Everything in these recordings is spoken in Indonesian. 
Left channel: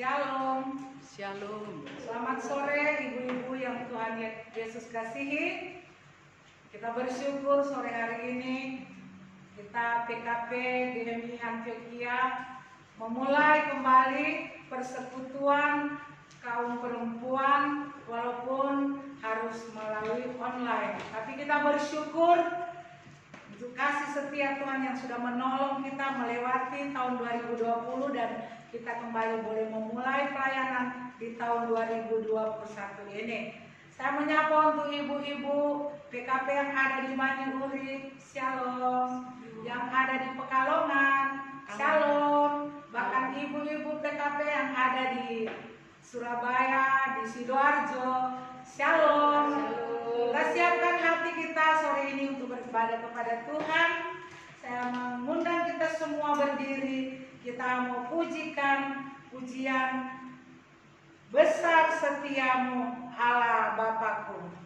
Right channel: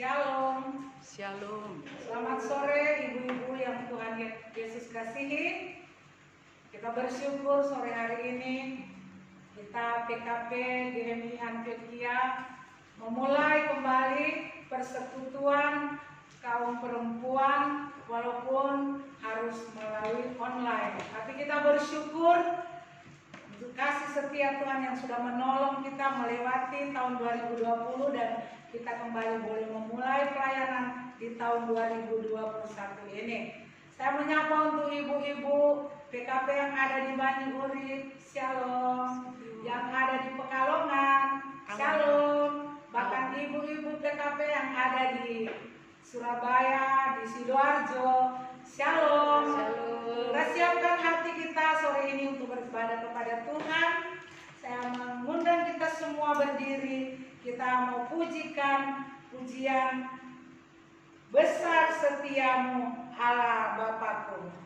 Shalom. Shalom. Selamat sore ibu-ibu yang Tuhan Yesus kasihi. Kita bersyukur sore hari ini kita PKP GMI Antioquia memulai kembali persekutuan kaum perempuan walaupun harus melalui online. Tapi kita bersyukur untuk kasih setia Tuhan yang sudah menolong kita melewati tahun 2020 dan kita kembali boleh memulai pelayanan di tahun 2021 ini. Saya menyapa untuk ibu-ibu PKP yang ada di Banyuuri, Shalom. Yang ada di Pekalongan, Shalom. Bahkan ibu-ibu PKP yang ada di Surabaya, di Sidoarjo, Shalom. Kita siapkan hati kita sore ini untuk beribadah kepada Tuhan. Saya mengundang kita semua berdiri. Kita mau pujikan pujian besar setiamu Allah Bapakku.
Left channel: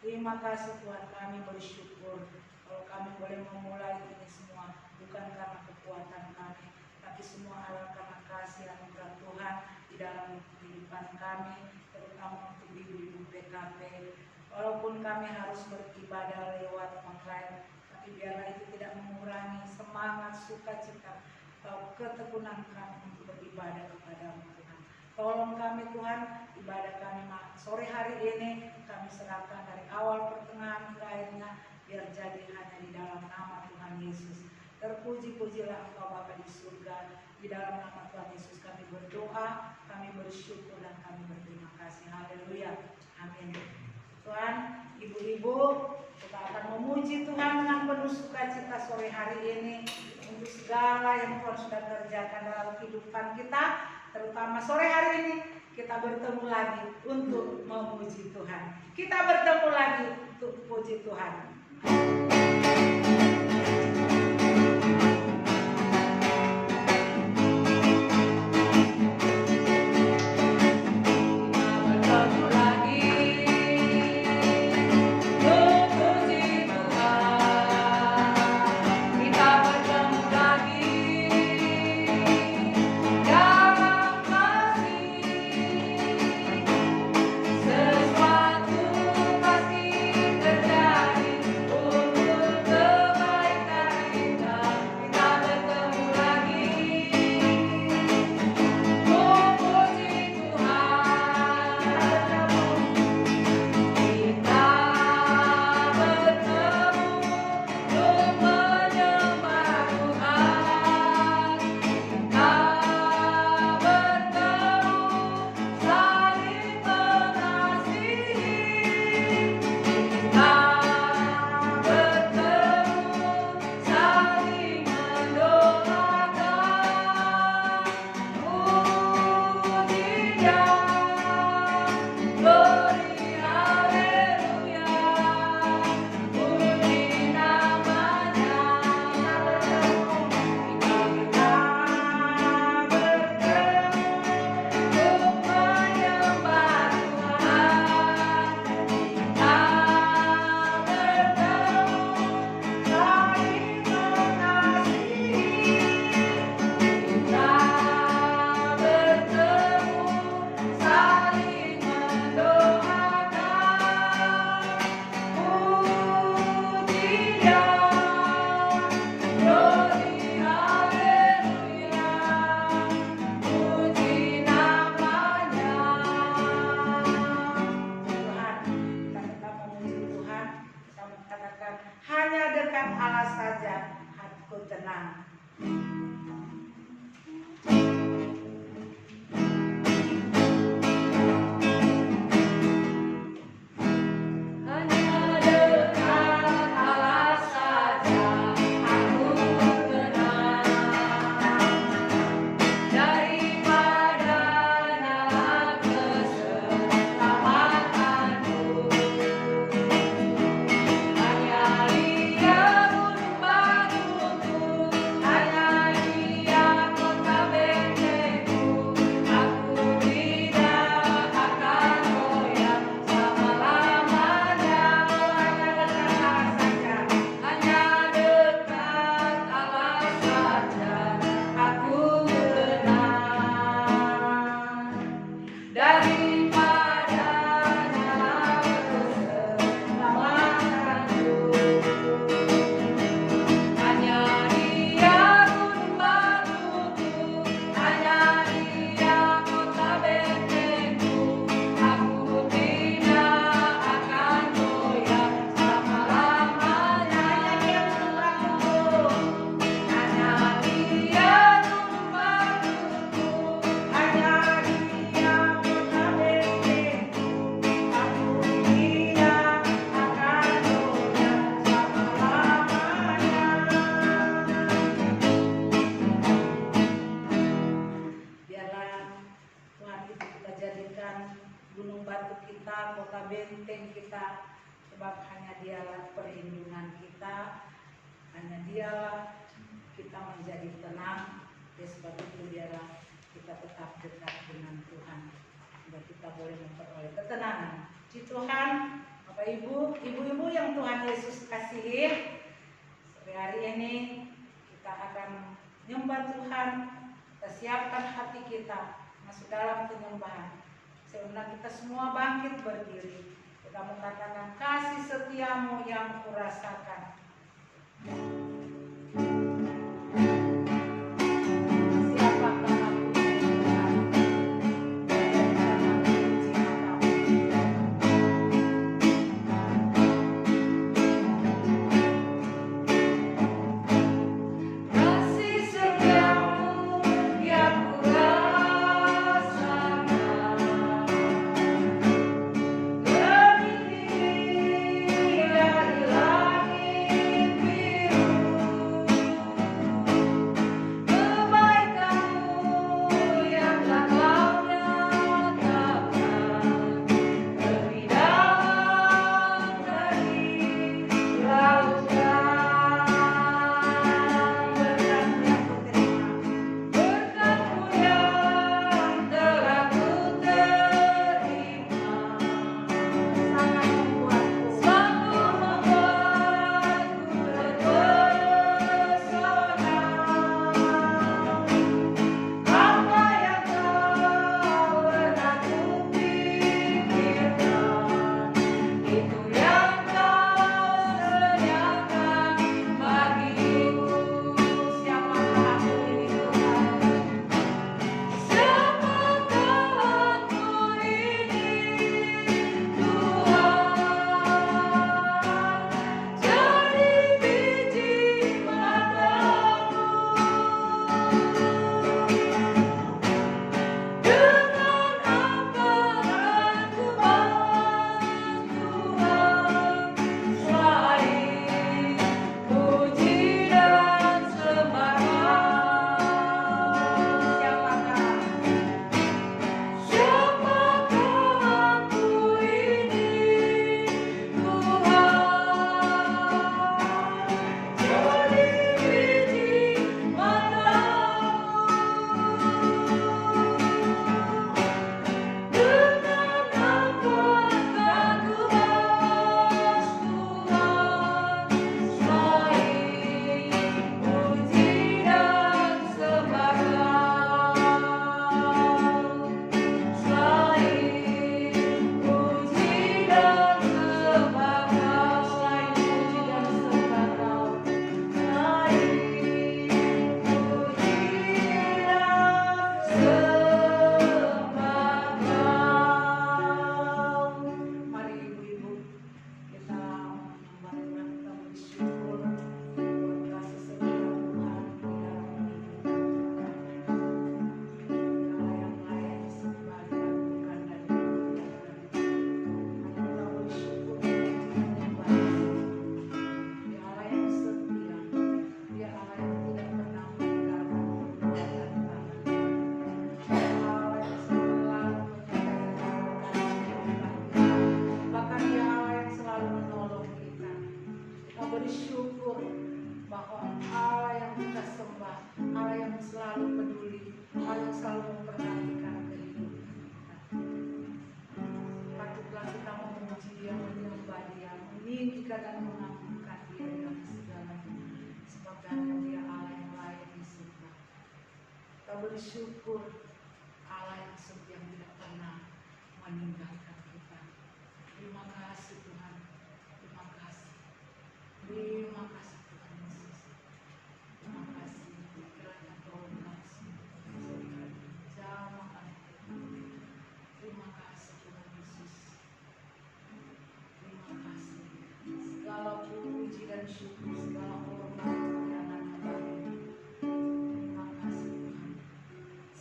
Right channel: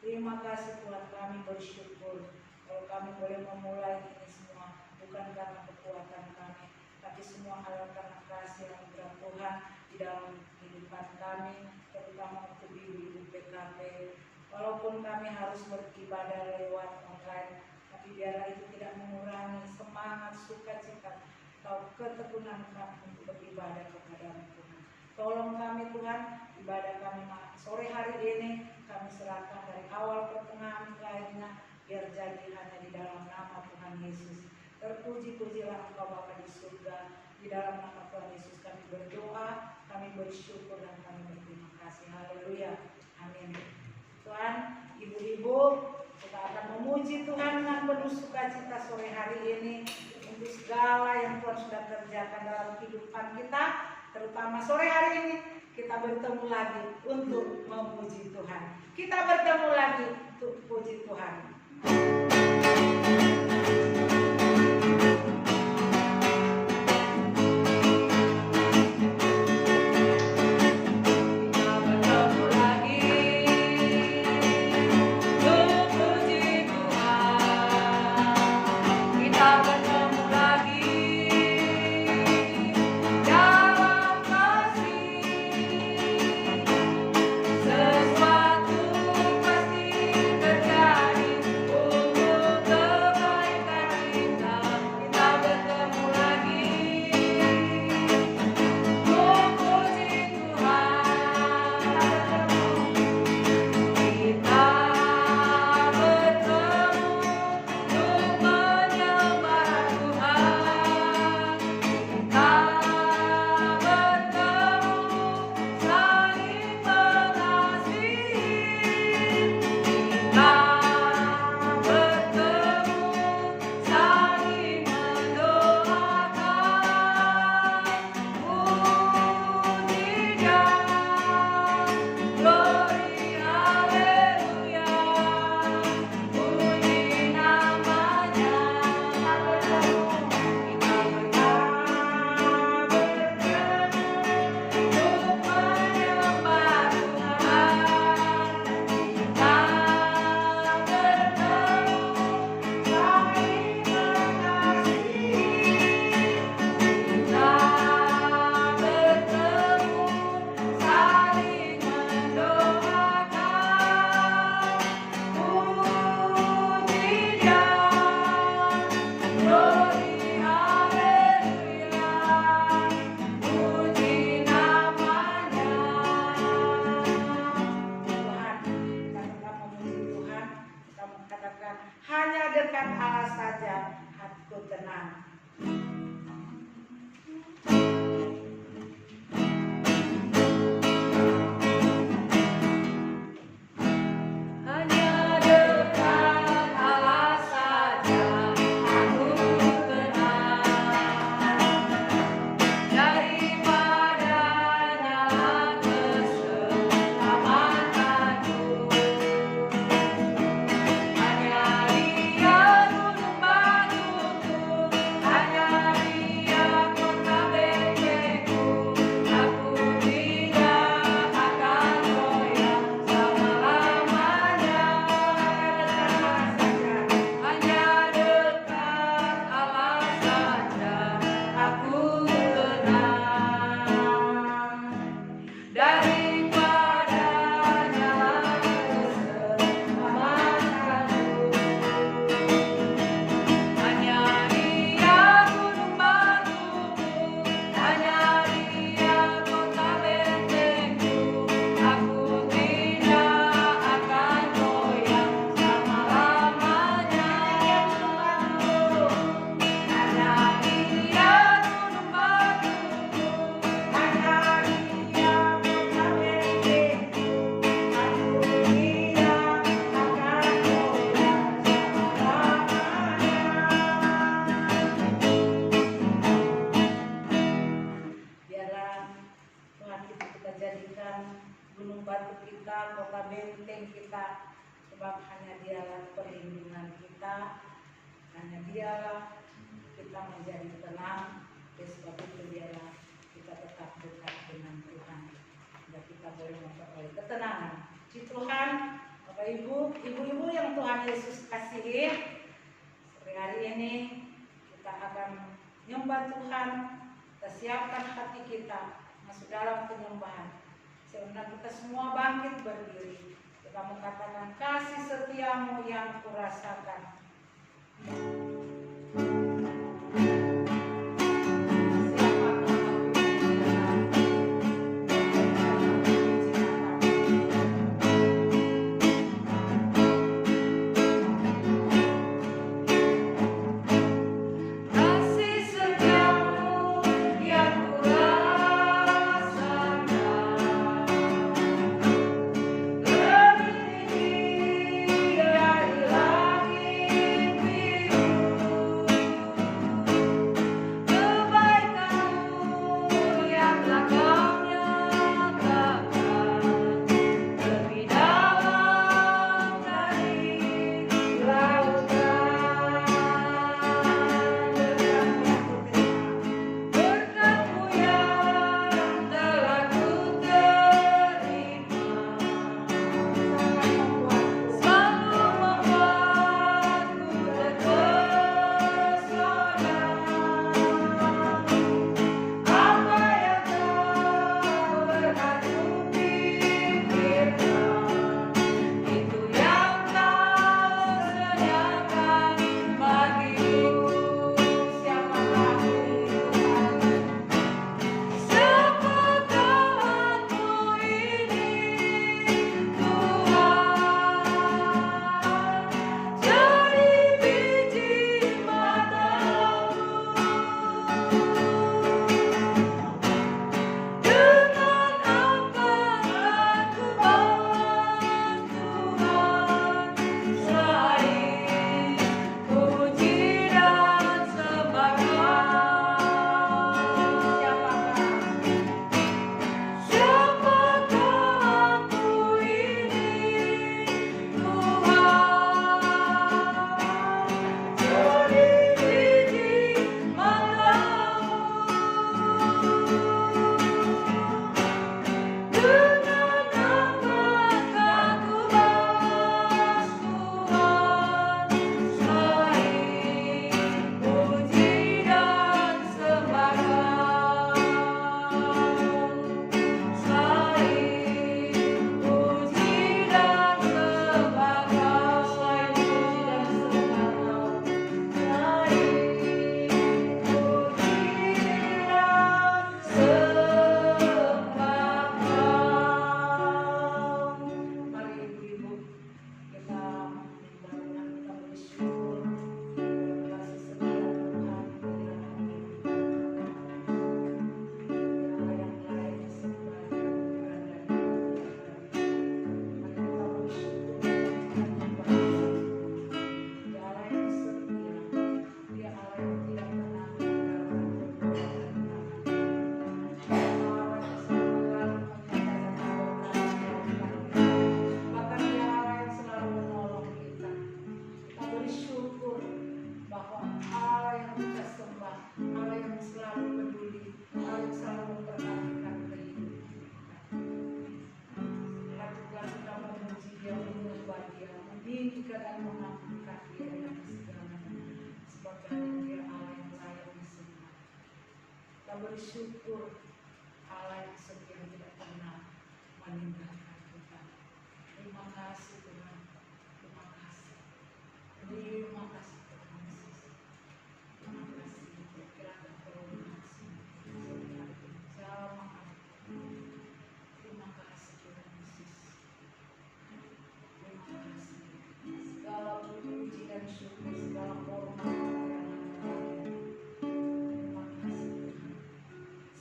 Terima kasih Tuhan, kami bersyukur kalau kami boleh memulai ini semua bukan karena kekuatan kami, tapi semua adalah karena kasih anugerah Tuhan di dalam kehidupan kami, terutama untuk ibu-ibu PKP. Walaupun kami harus beribadah lewat online, tapi biarlah itu tidak mengurangi semangat, sukacita, atau ketekunan kami untuk beribadah kepada-Mu Tuhan. Tolong kami Tuhan, ibadah kami sore hari ini kami serahkan dari awal pertengahan ke akhirnya, biar jadi hanya di dalam nama Tuhan Yesus. Terpuji-pujilah Engkau Bapa di surga. Di dalam nama Tuhan Yesus kami berdoa, kami bersyukur dan kami berterima kasih. Haleluya. Amin. Tuhan, ibu-ibu, kita akan memuji Tuhan dengan penuh sukacita sore hari ini untuk segala yang Tuhan sudah kerjakan dalam kehidupan kita terutama sore hari ini kita bertemu lagi untuk memuji Tuhan. Kita bertemu lagi untuk puji Tuhan. Hanya dekat Allah saja hatiku tenang. Gunung batu kita, kota benteng kita, sebab hanya Dialah perlindungan kita, hanya Dialah kita menjadi tenang. Sebab itu Dialah kita tetap dekat dengan Tuhan, sehingga kita boleh memperoleh ketenangan. Puji Tuhan, Bapak Ibu, ibu-ibu yang Tuhan Yesus kasihi, sore hari ini kita akan menyembah Tuhan. Kita siapkan hati kita masuk dalam penyembahan. Sehingga kita semua bangkit berdiri. Kita mengatakan kasih setiamu yang kurasakan. bersyukur Allah yang setia tidak pernah meninggalkan kita. Terima kasih Tuhan. Terima kasih. Terima kasih Tuhan Yesus. Terima kasih kiranya prolongasi jamaah. Terima kasih Tuhan Yesus. Terima kasih. Segala puji dan syukur, segala hormat kemuliaan bagi. Terima kasih Tuhan.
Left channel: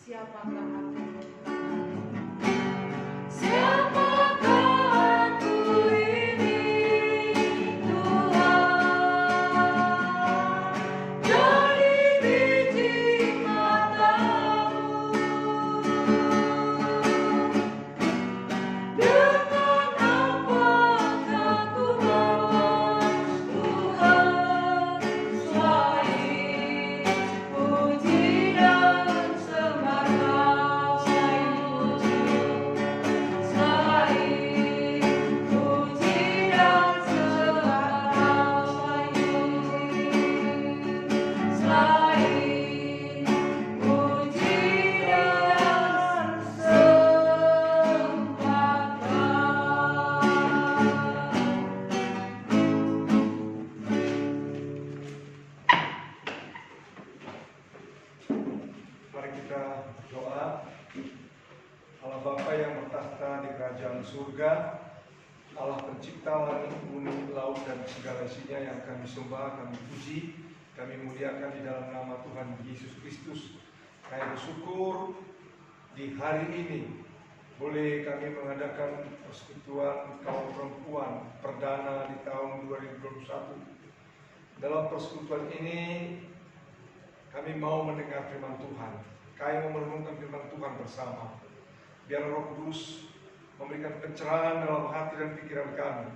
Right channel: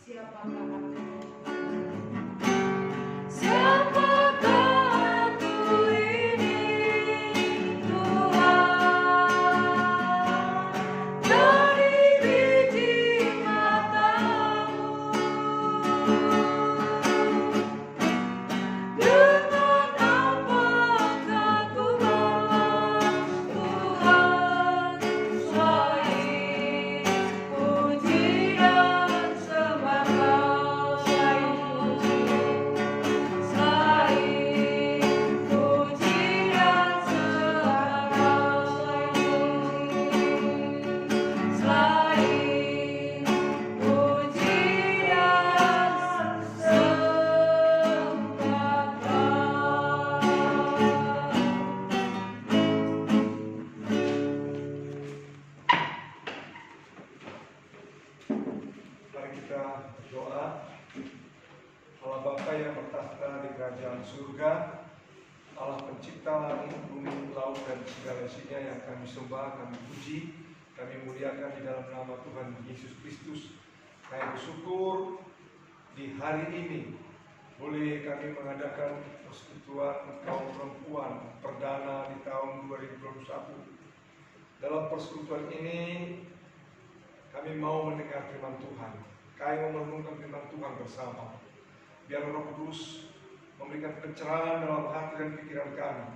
Siapakah aku? Siapakah aku ini Tuhan? Dari biji matamu. Dengan apakah ku harus Tuhan selain puji dan sembah Kau, selain puji dan sembah Kau, selain puji dan sembah Kau. Mari kita berdoa. Allah Bapa yang bertahta di kerajaan surga, Allah pencipta langit, bumi, laut dan segala isinya yang kami sembah, kami puji, kami muliakan di dalam nama Tuhan Yesus Kristus. Kami bersyukur di hari ini boleh kami mengadakan persekutuan kaum perempuan perdana di tahun 2021. Dalam persekutuan ini kami mau mendengar firman Tuhan. Kami mau merenungkan firman Tuhan bersama. Biar Roh Kudus memberikan pencerahan dalam hati dan pikiran kami,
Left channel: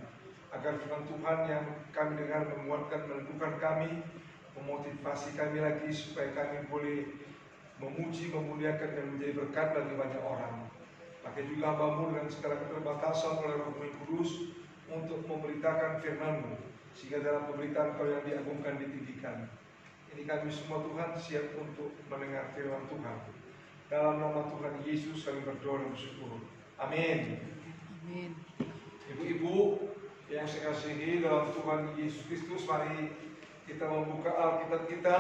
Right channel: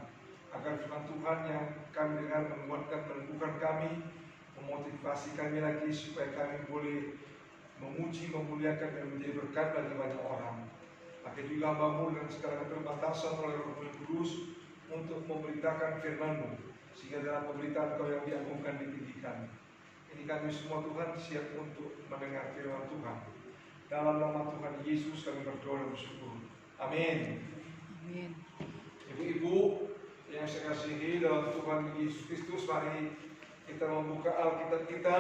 agar firman Tuhan yang kami dengar menguatkan, menentukan kami, memotivasi kami lagi supaya kami boleh memuji, memuliakan dan menjadi berkat bagi banyak orang. Pakai juga hamba-Mu dengan segala keterbatasan oleh Roh-Mu yang Kudus untuk memberitakan firman-Mu, sehingga dalam pemberitaan Kau yang diagungkan, ditinggikan. Ini kami semua Tuhan siap untuk mendengar firman Tuhan. Dalam nama Tuhan Yesus kami berdoa dan bersyukur. Amin. Amin. Ibu-ibu yang saya kasihi dalam Tuhan Yesus Kristus, mari kita membuka Alkitab kita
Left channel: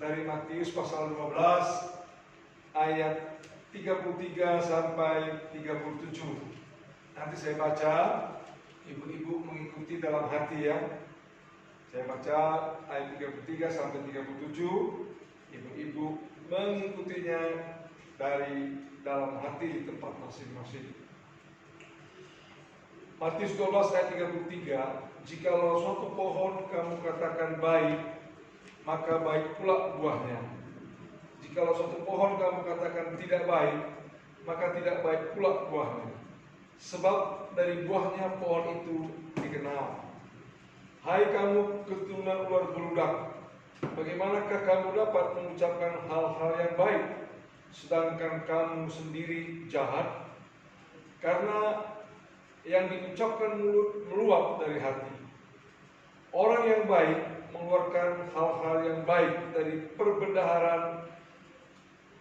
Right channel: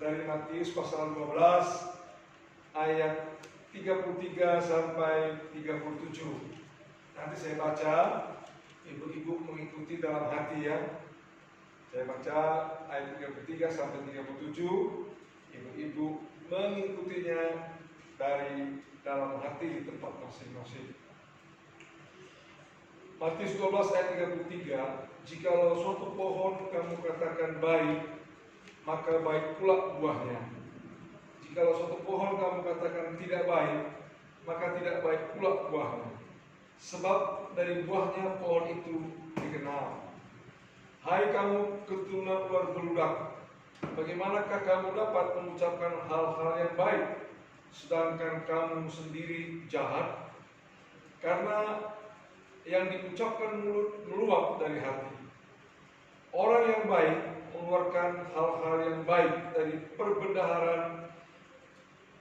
dari Matius pasal 12 ayat 33 sampai 37. Nanti saya baca, ibu-ibu mengikuti dalam hati ya. Saya baca ayat 33 sampai 37, ibu-ibu mengikutinya dari dalam hati di tempat masing-masing. Matius 12 ayat 33, jikalau suatu pohon kamu katakan baik, maka baik pula buahnya. Jikalau suatu pohon kamu katakan tidak baik, maka tidak baik pula buahnya. Sebab dari buahnya pohon itu dikenal. Hai kamu keturunan ular beludak, bagaimanakah kamu dapat mengucapkan hal-hal yang baik, sedangkan kamu sendiri jahat? Karena yang diucapkan mulut meluap dari hati. Orang yang baik mengeluarkan hal-hal yang baik dari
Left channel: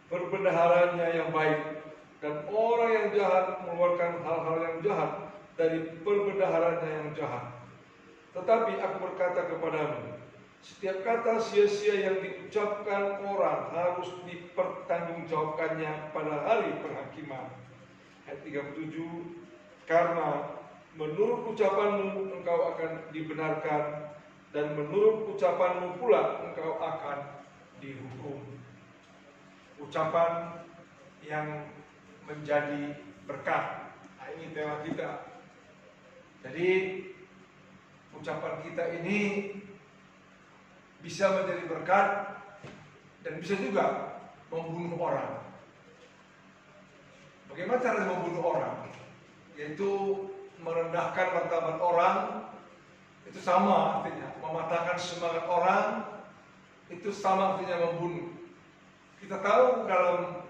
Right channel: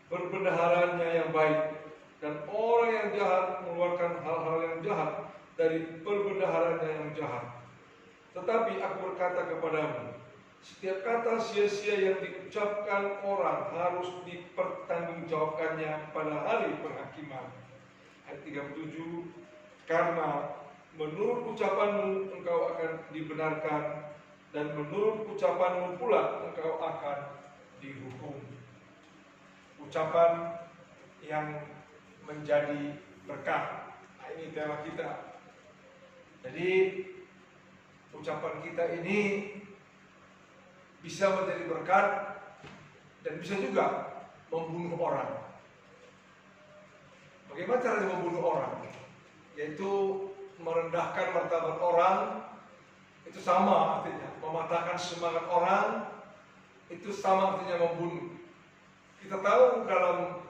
perbendaharanya yang baik, dan orang yang jahat mengeluarkan hal-hal yang jahat dari perbendaharanya yang jahat. Tetapi aku berkata kepadamu, setiap kata sia-sia yang diucapkan orang harus dipertanggungjawabkannya pada hari penghakiman. Ayat 37, karena menurut ucapanmu engkau akan dibenarkan, dan menurut ucapanmu pula engkau akan dihukum. Ucapan yang menjadi berkah. Nah, ini tema kita. Jadi ucapan kita ini bisa menjadi berkat dan bisa juga membunuh orang. Bagaimana cara membunuh orang? Yaitu merendahkan martabat orang. Itu sama artinya mematahkan semangat orang. Itu sama artinya membunuh. Kita tahu dalam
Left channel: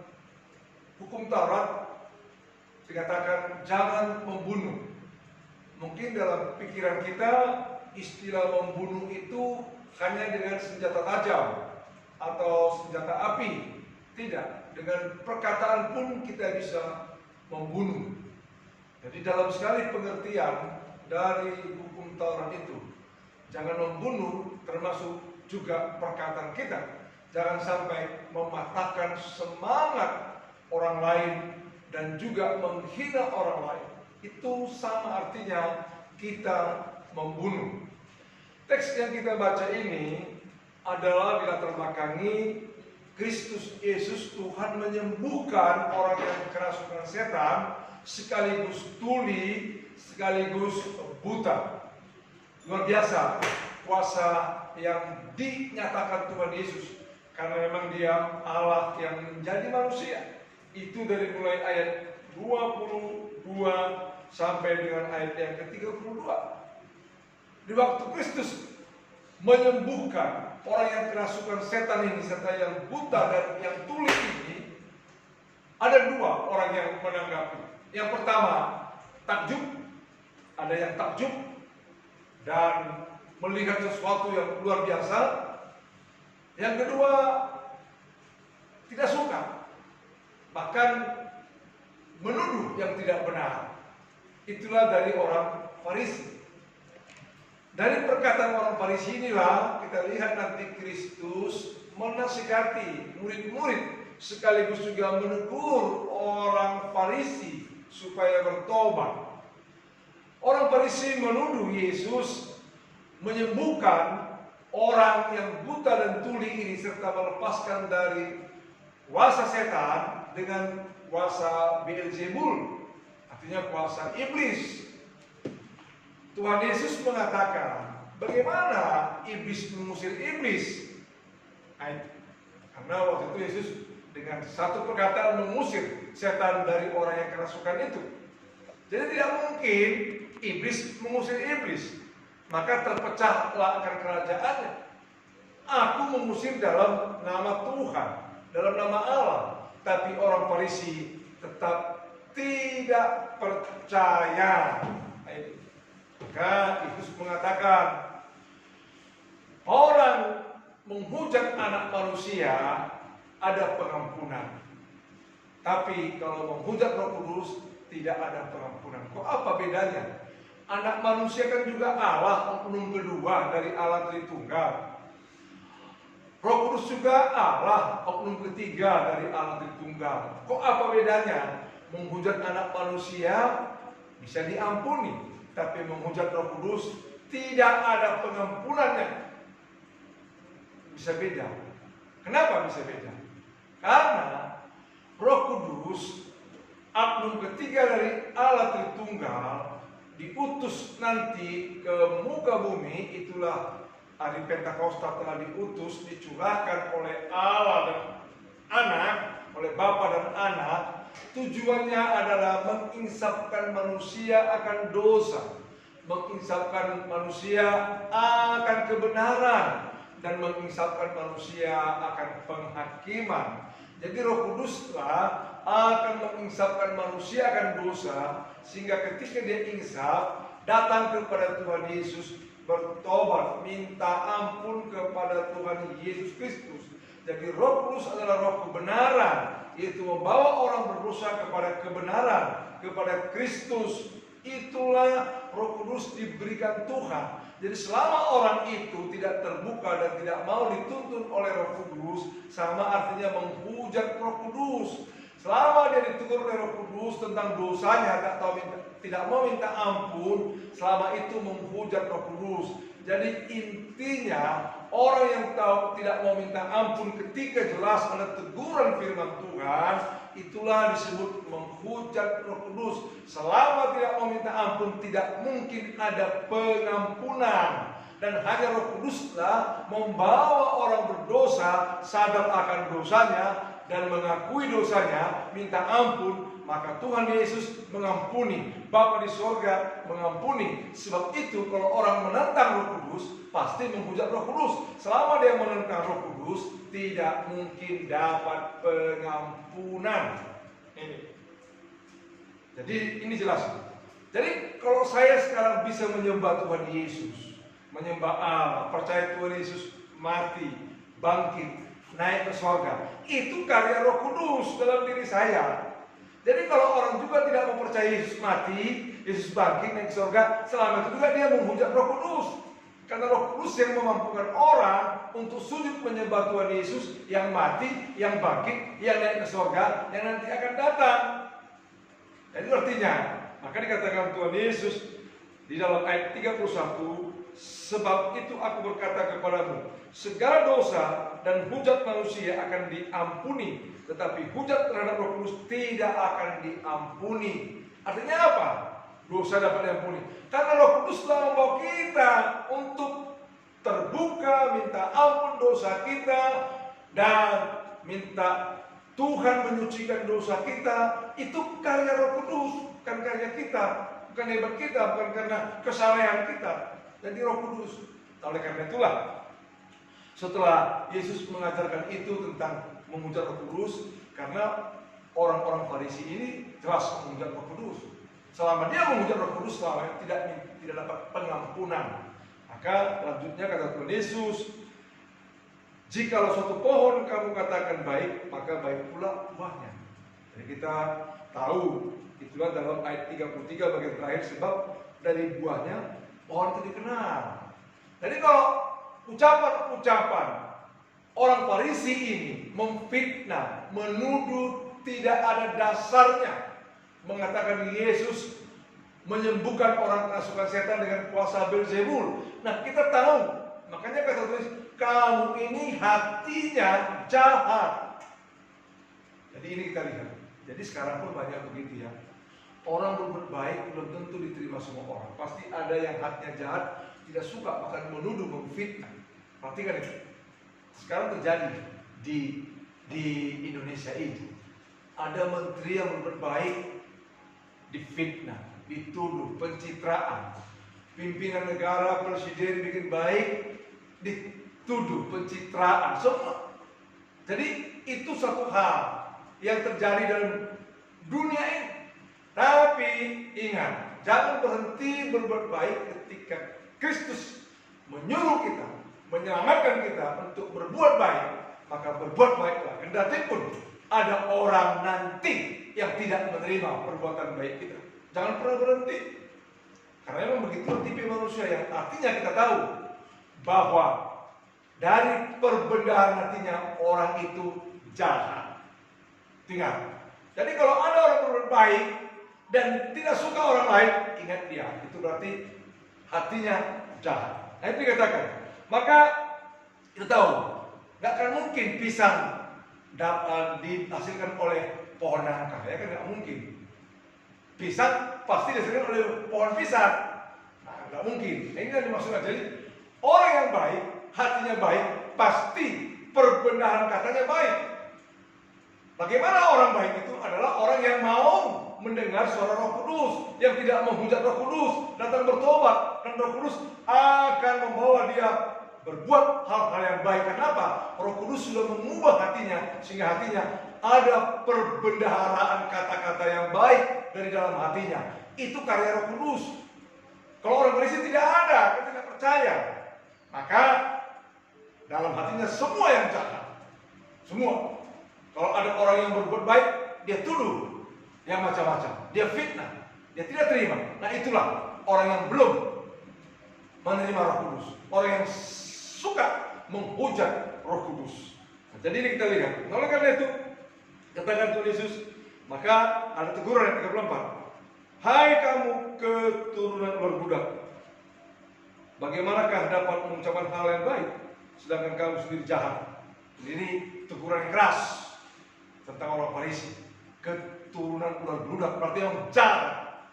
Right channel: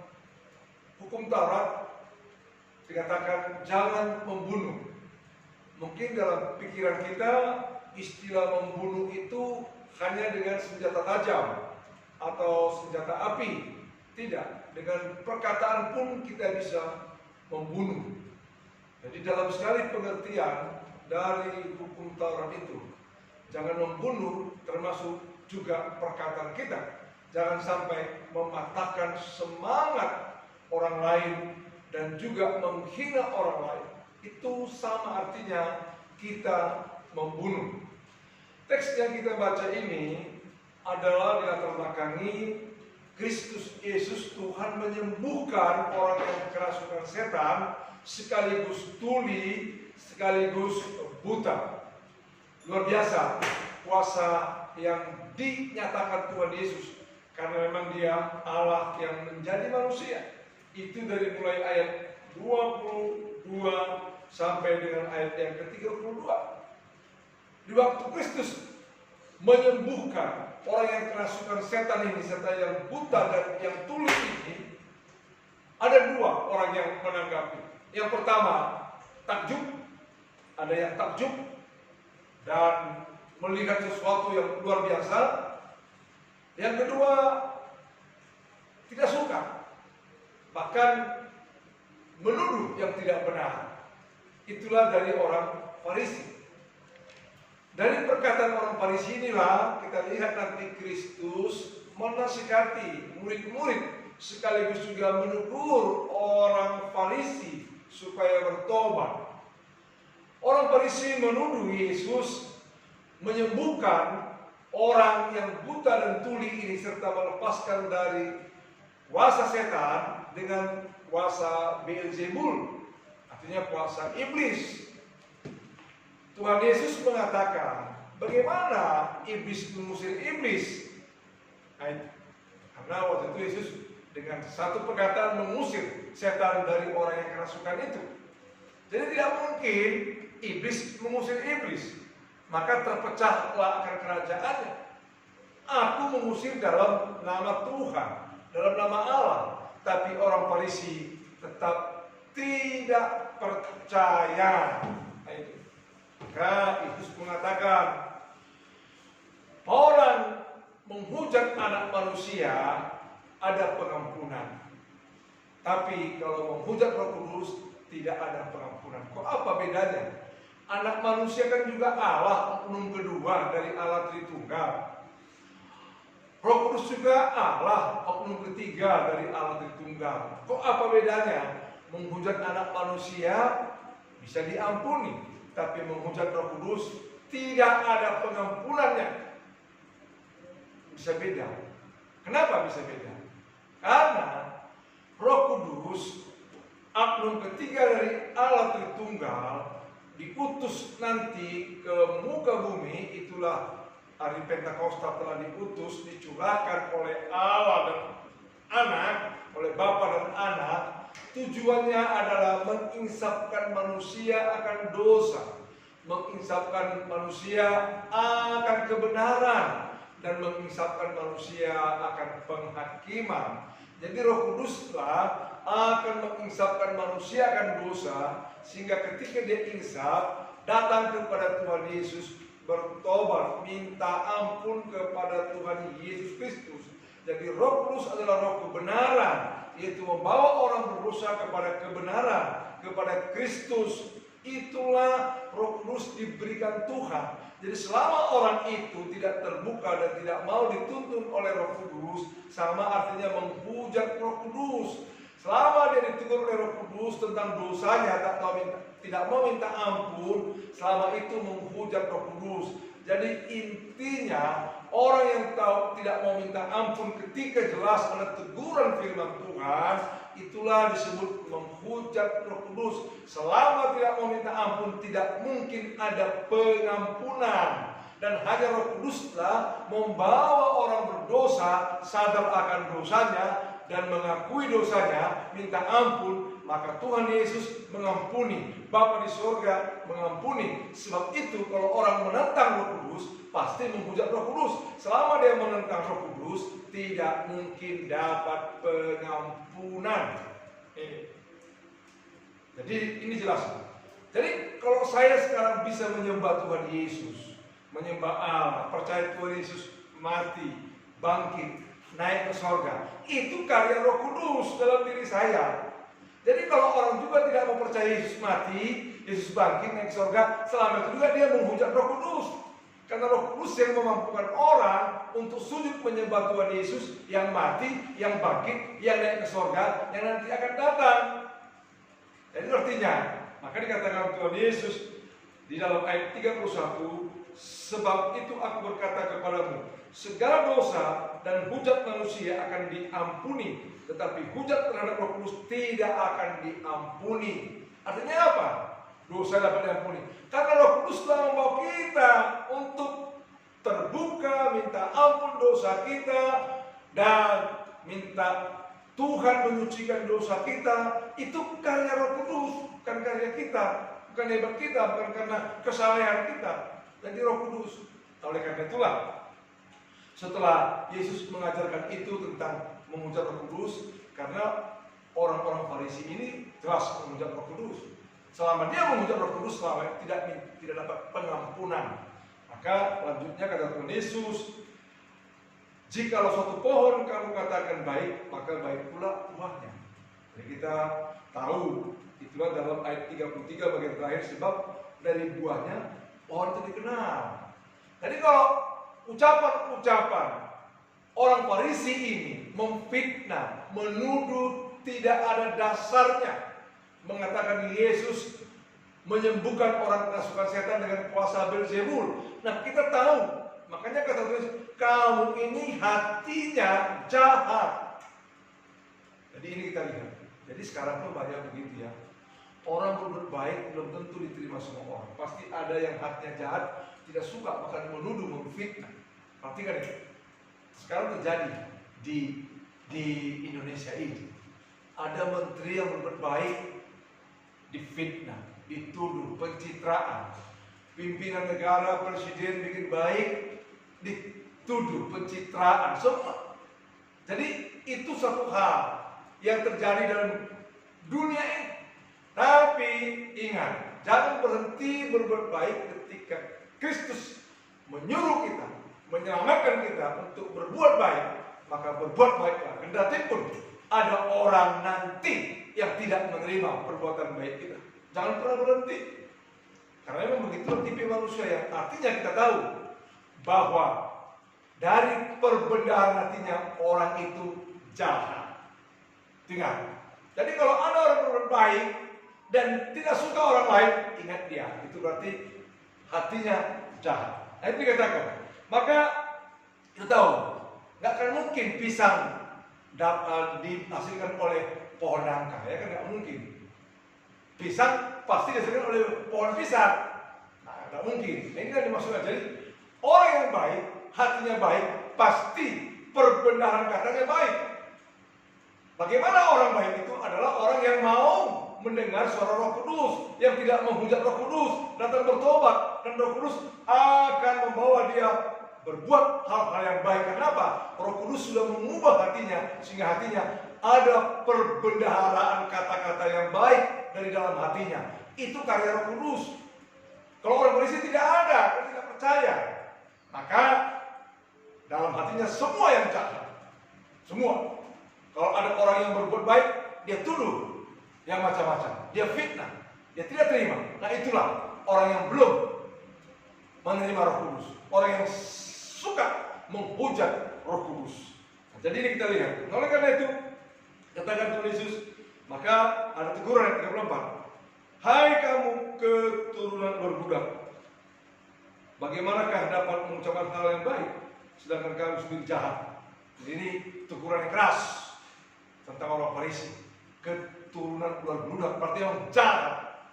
hukum Taurat dikatakan jangan membunuh. Mungkin dalam pikiran kita istilah membunuh itu hanya dengan senjata tajam. atau senjata api. Tidak, dengan perkataan pun kita bisa membunuh. Jadi dalam sekali pengertian dari hukum Taurat itu, jangan membunuh termasuk juga perkataan kita. Jangan sampai mematahkan semangat orang lain dan juga menghina orang lain. Itu sama artinya kita membunuh. Teks yang kita baca ini adalah dilatar belakangi Kristus Yesus, Tuhan menyembuhkan orang yang kerasukan setan, sekaligus tuli, sekaligus buta. Luar biasa kuasa yang dinyatakan Tuhan Yesus, karena memang Dia Allah yang menjadi manusia. Itu dari mulai ayat 22 sampai dengan ayat yang ke-32. Di waktu Kristus menyembuhkan orang yang kerasukan setan ini serta yang buta dan yang tuli ini, ada dua orang yang menanggapi. Yang pertama takjub, ada yang takjub dan melihat sesuatu yang luar biasa. Yang kedua tidak suka, bahkan menuduh yang tidak benar. Itulah dari orang Farisi. Dari perkataan orang Farisi inilah kita lihat nanti Kristus menasihati murid-murid sekaligus juga menegur orang Farisi supaya bertobat. Orang Farisi menuduh Yesus menyembuhkan orang yang buta dan tuli ini serta melepaskan dari kuasa setan dengan kuasa Beelzebul, artinya kuasa iblis. Tuhan Yesus mengatakan, bagaimana iblis mengusir iblis? Karena waktu itu Yesus dengan satu perkataan mengusir setan dari orang yang kerasukan itu. Jadi tidak mungkin iblis mengusir iblis, maka terpecahlah akan kerajaannya. Aku mengusir dalam nama Tuhan, dalam nama Allah. Tapi orang Farisi tetap tidak percaya. Maka Yesus mengatakan, orang menghujat anak manusia ada pengampunan, tapi kalau menghujat Roh Kudus tidak ada pengampunan. Kok apa bedanya? Anak manusia kan juga Allah, oknum kedua dari Allah Tritunggal. Roh Kudus juga Allah, oknum ketiga dari Allah Tritunggal. Kok apa bedanya? Menghujat anak manusia bisa diampuni, tapi menghujat Roh Kudus tidak ada pengampunannya. Bisa beda. Kenapa bisa beda? Karena Roh Kudus, oknum ketiga dari Allah Tritunggal, diutus nanti ke muka bumi. Itulah hari Pentakosta telah diutus, dicurahkan oleh Allah dan Anak, oleh Bapa dan Anak. Tujuannya adalah menginsafkan manusia akan dosa, menginsafkan manusia akan kebenaran, dan menginsafkan manusia akan penghakiman. Jadi Roh Kuduslah akan menginsafkan manusia akan dosa, sehingga ketika dia insaf, datang kepada Tuhan Yesus, bertobat, minta ampun kepada Tuhan Yesus Kristus. Jadi Roh Kudus adalah roh kebenaran, yaitu membawa orang berdosa kepada kebenaran, kepada Kristus. Itulah Roh Kudus diberikan Tuhan. Jadi selama orang itu tidak terbuka dan tidak mau dituntun oleh Roh Kudus, sama artinya menghujat Roh Kudus. Selama dia ditegur oleh Roh Kudus tentang dosanya, tidak mau minta ampun, selama itu menghujat Roh Kudus. Jadi intinya orang yang tahu tidak mau minta ampun ketika jelas ada teguran firman Tuhan, itulah disebut menghujat Roh Kudus. Selama tidak mau minta ampun, tidak mungkin ada pengampunan. Dan hanya Roh Kuduslah membawa orang berdosa sadar akan dosanya dan mengakui dosanya, minta ampun, maka Tuhan Yesus mengampuni. Bapa di sorga mengampuni. Sebab itu kalau orang menentang Roh Kudus, pasti menghujat Roh Kudus. Selama dia menentang Roh Kudus, tidak mungkin dapat pengampunan. Jadi ini jelas. Jadi kalau saya sekarang bisa menyembah Tuhan Yesus, menyembah Allah, percaya Tuhan Yesus mati, bangkit, naik ke sorga. Itu karya Roh Kudus dalam diri saya. Jadi kalau orang juga tidak mempercayai Yesus mati, Yesus bangkit naik ke sorga, selama itu juga dia menghujat Roh Kudus. Karena Roh Kudus yang memampukan orang untuk sujud menyembah Tuhan Yesus yang mati, yang bangkit, yang naik ke sorga, yang nanti akan datang. Jadi artinya, maka dikatakan Tuhan Yesus di dalam ayat 31, sebab itu aku berkata kepadamu, segala dosa dan hujat manusia akan diampuni, tetapi hujat terhadap Roh Kudus tidak akan diampuni. Artinya apa? Dosa dapat diampuni karena Roh Kudus telah membawa kita untuk terbuka, minta ampun dosa kita, dan minta Tuhan menyucikan dosa kita. Itu karya Roh Kudus, bukan karya kita, bukan hebat kita, bukan karena kesalehan kita. Jadi Roh Kudus. Oleh karena itulah, setelah Yesus mengajarkan itu tentang menghujat Roh Kudus, karena orang-orang Farisi ini jelas menghujat Roh Kudus. Selama dia menghujat Roh Kudus, selama tidak dapat pengampunan. Maka lanjutnya kata Tuhan Yesus, jikalau suatu pohon kamu katakan baik, maka baik pula buahnya. Jadi kita tahu, itulah dalam ayat 33 bagian terakhir, sebab dari buahnya pohon itu dikenal. Jadi kalau ucapan-ucapan orang Farisi ini memfitnah, menuduh tidak ada dasarnya, mengatakan Yesus menyembuhkan orang kena suka setan dengan kuasa Beelzebul. Nah, kita tahu, makanya kata Tuhan, kamu ini hatinya jahat. Jadi ini kita lihat. Jadi sekarang pun banyak begitu ya. Orang berbuat baik belum tentu diterima semua orang. Pasti ada yang hatinya jahat, tidak suka, bahkan menuduh, memfitnah. Perhatikan itu. Sekarang terjadi di Indonesia ini. Ada menteri yang berbuat baik, difitnah, dituduh, pencitraan. Pimpinan negara, presiden bikin baik, dituduh, pencitraan, semua. Jadi itu satu hal yang terjadi dalam dunia ini. Tapi ingat, jangan berhenti berbuat baik ketika Kristus menyuruh kita, menyelamatkan kita untuk berbuat baik. Maka berbuat baiklah, kendati pun ada orang nanti yang tidak menerima perbuatan baik kita. Jangan pernah berhenti. Karena memang begitu tipe manusia yang artinya kita tahu bahwa dari perbendaharaan hatinya orang itu jahat. Ingat. Jadi kalau ada orang berbuat baik dan tidak suka orang lain, ingat dia. Itu berarti hatinya jahat. Nah itu dikatakan. Maka kita tahu, nggak akan mungkin pisang dihasilkan oleh pohon nangka, ya kan nggak mungkin. Pisang pasti dihasilkan oleh pohon pisang, nah, nggak mungkin. Nah, ini yang dimaksudkan. Jadi orang yang baik, hatinya baik, pasti perbendaharaan katanya baik. Bagaimana orang baik itu adalah orang yang mau mendengar suara Roh Kudus, yang tidak menghujat Roh Kudus, datang bertobat, dan Roh Kudus akan membawa dia berbuat hal-hal yang baik. Kenapa? Roh Kudus sudah mengubah hatinya, sehingga hatinya ada perbendaharaan kata-kata yang baik dari dalam hatinya. Itu karya Roh Kudus. Kalau orang Farisi tidak ada, dia tidak percaya, maka dalam hatinya semua yang jahat. Semua. Kalau ada orang yang berbuat baik, dia tuduh yang macam-macam, dia fitnah, dia tidak terima. Nah itulah orang yang belum menerima Roh Kudus, orang yang suka menghujat Roh Kudus. Nah, jadi ini kita lihat. Oleh karena itu, katakan Tuhan Yesus, maka ada teguran ayat 34. Hai kamu keturunan ular budak, bagaimanakah dapat mengucapkan hal yang baik, sedangkan kamu sendiri jahat? Jadi ini teguran yang keras tentang orang Farisi. Keturunan ular budak, berarti yang jahat.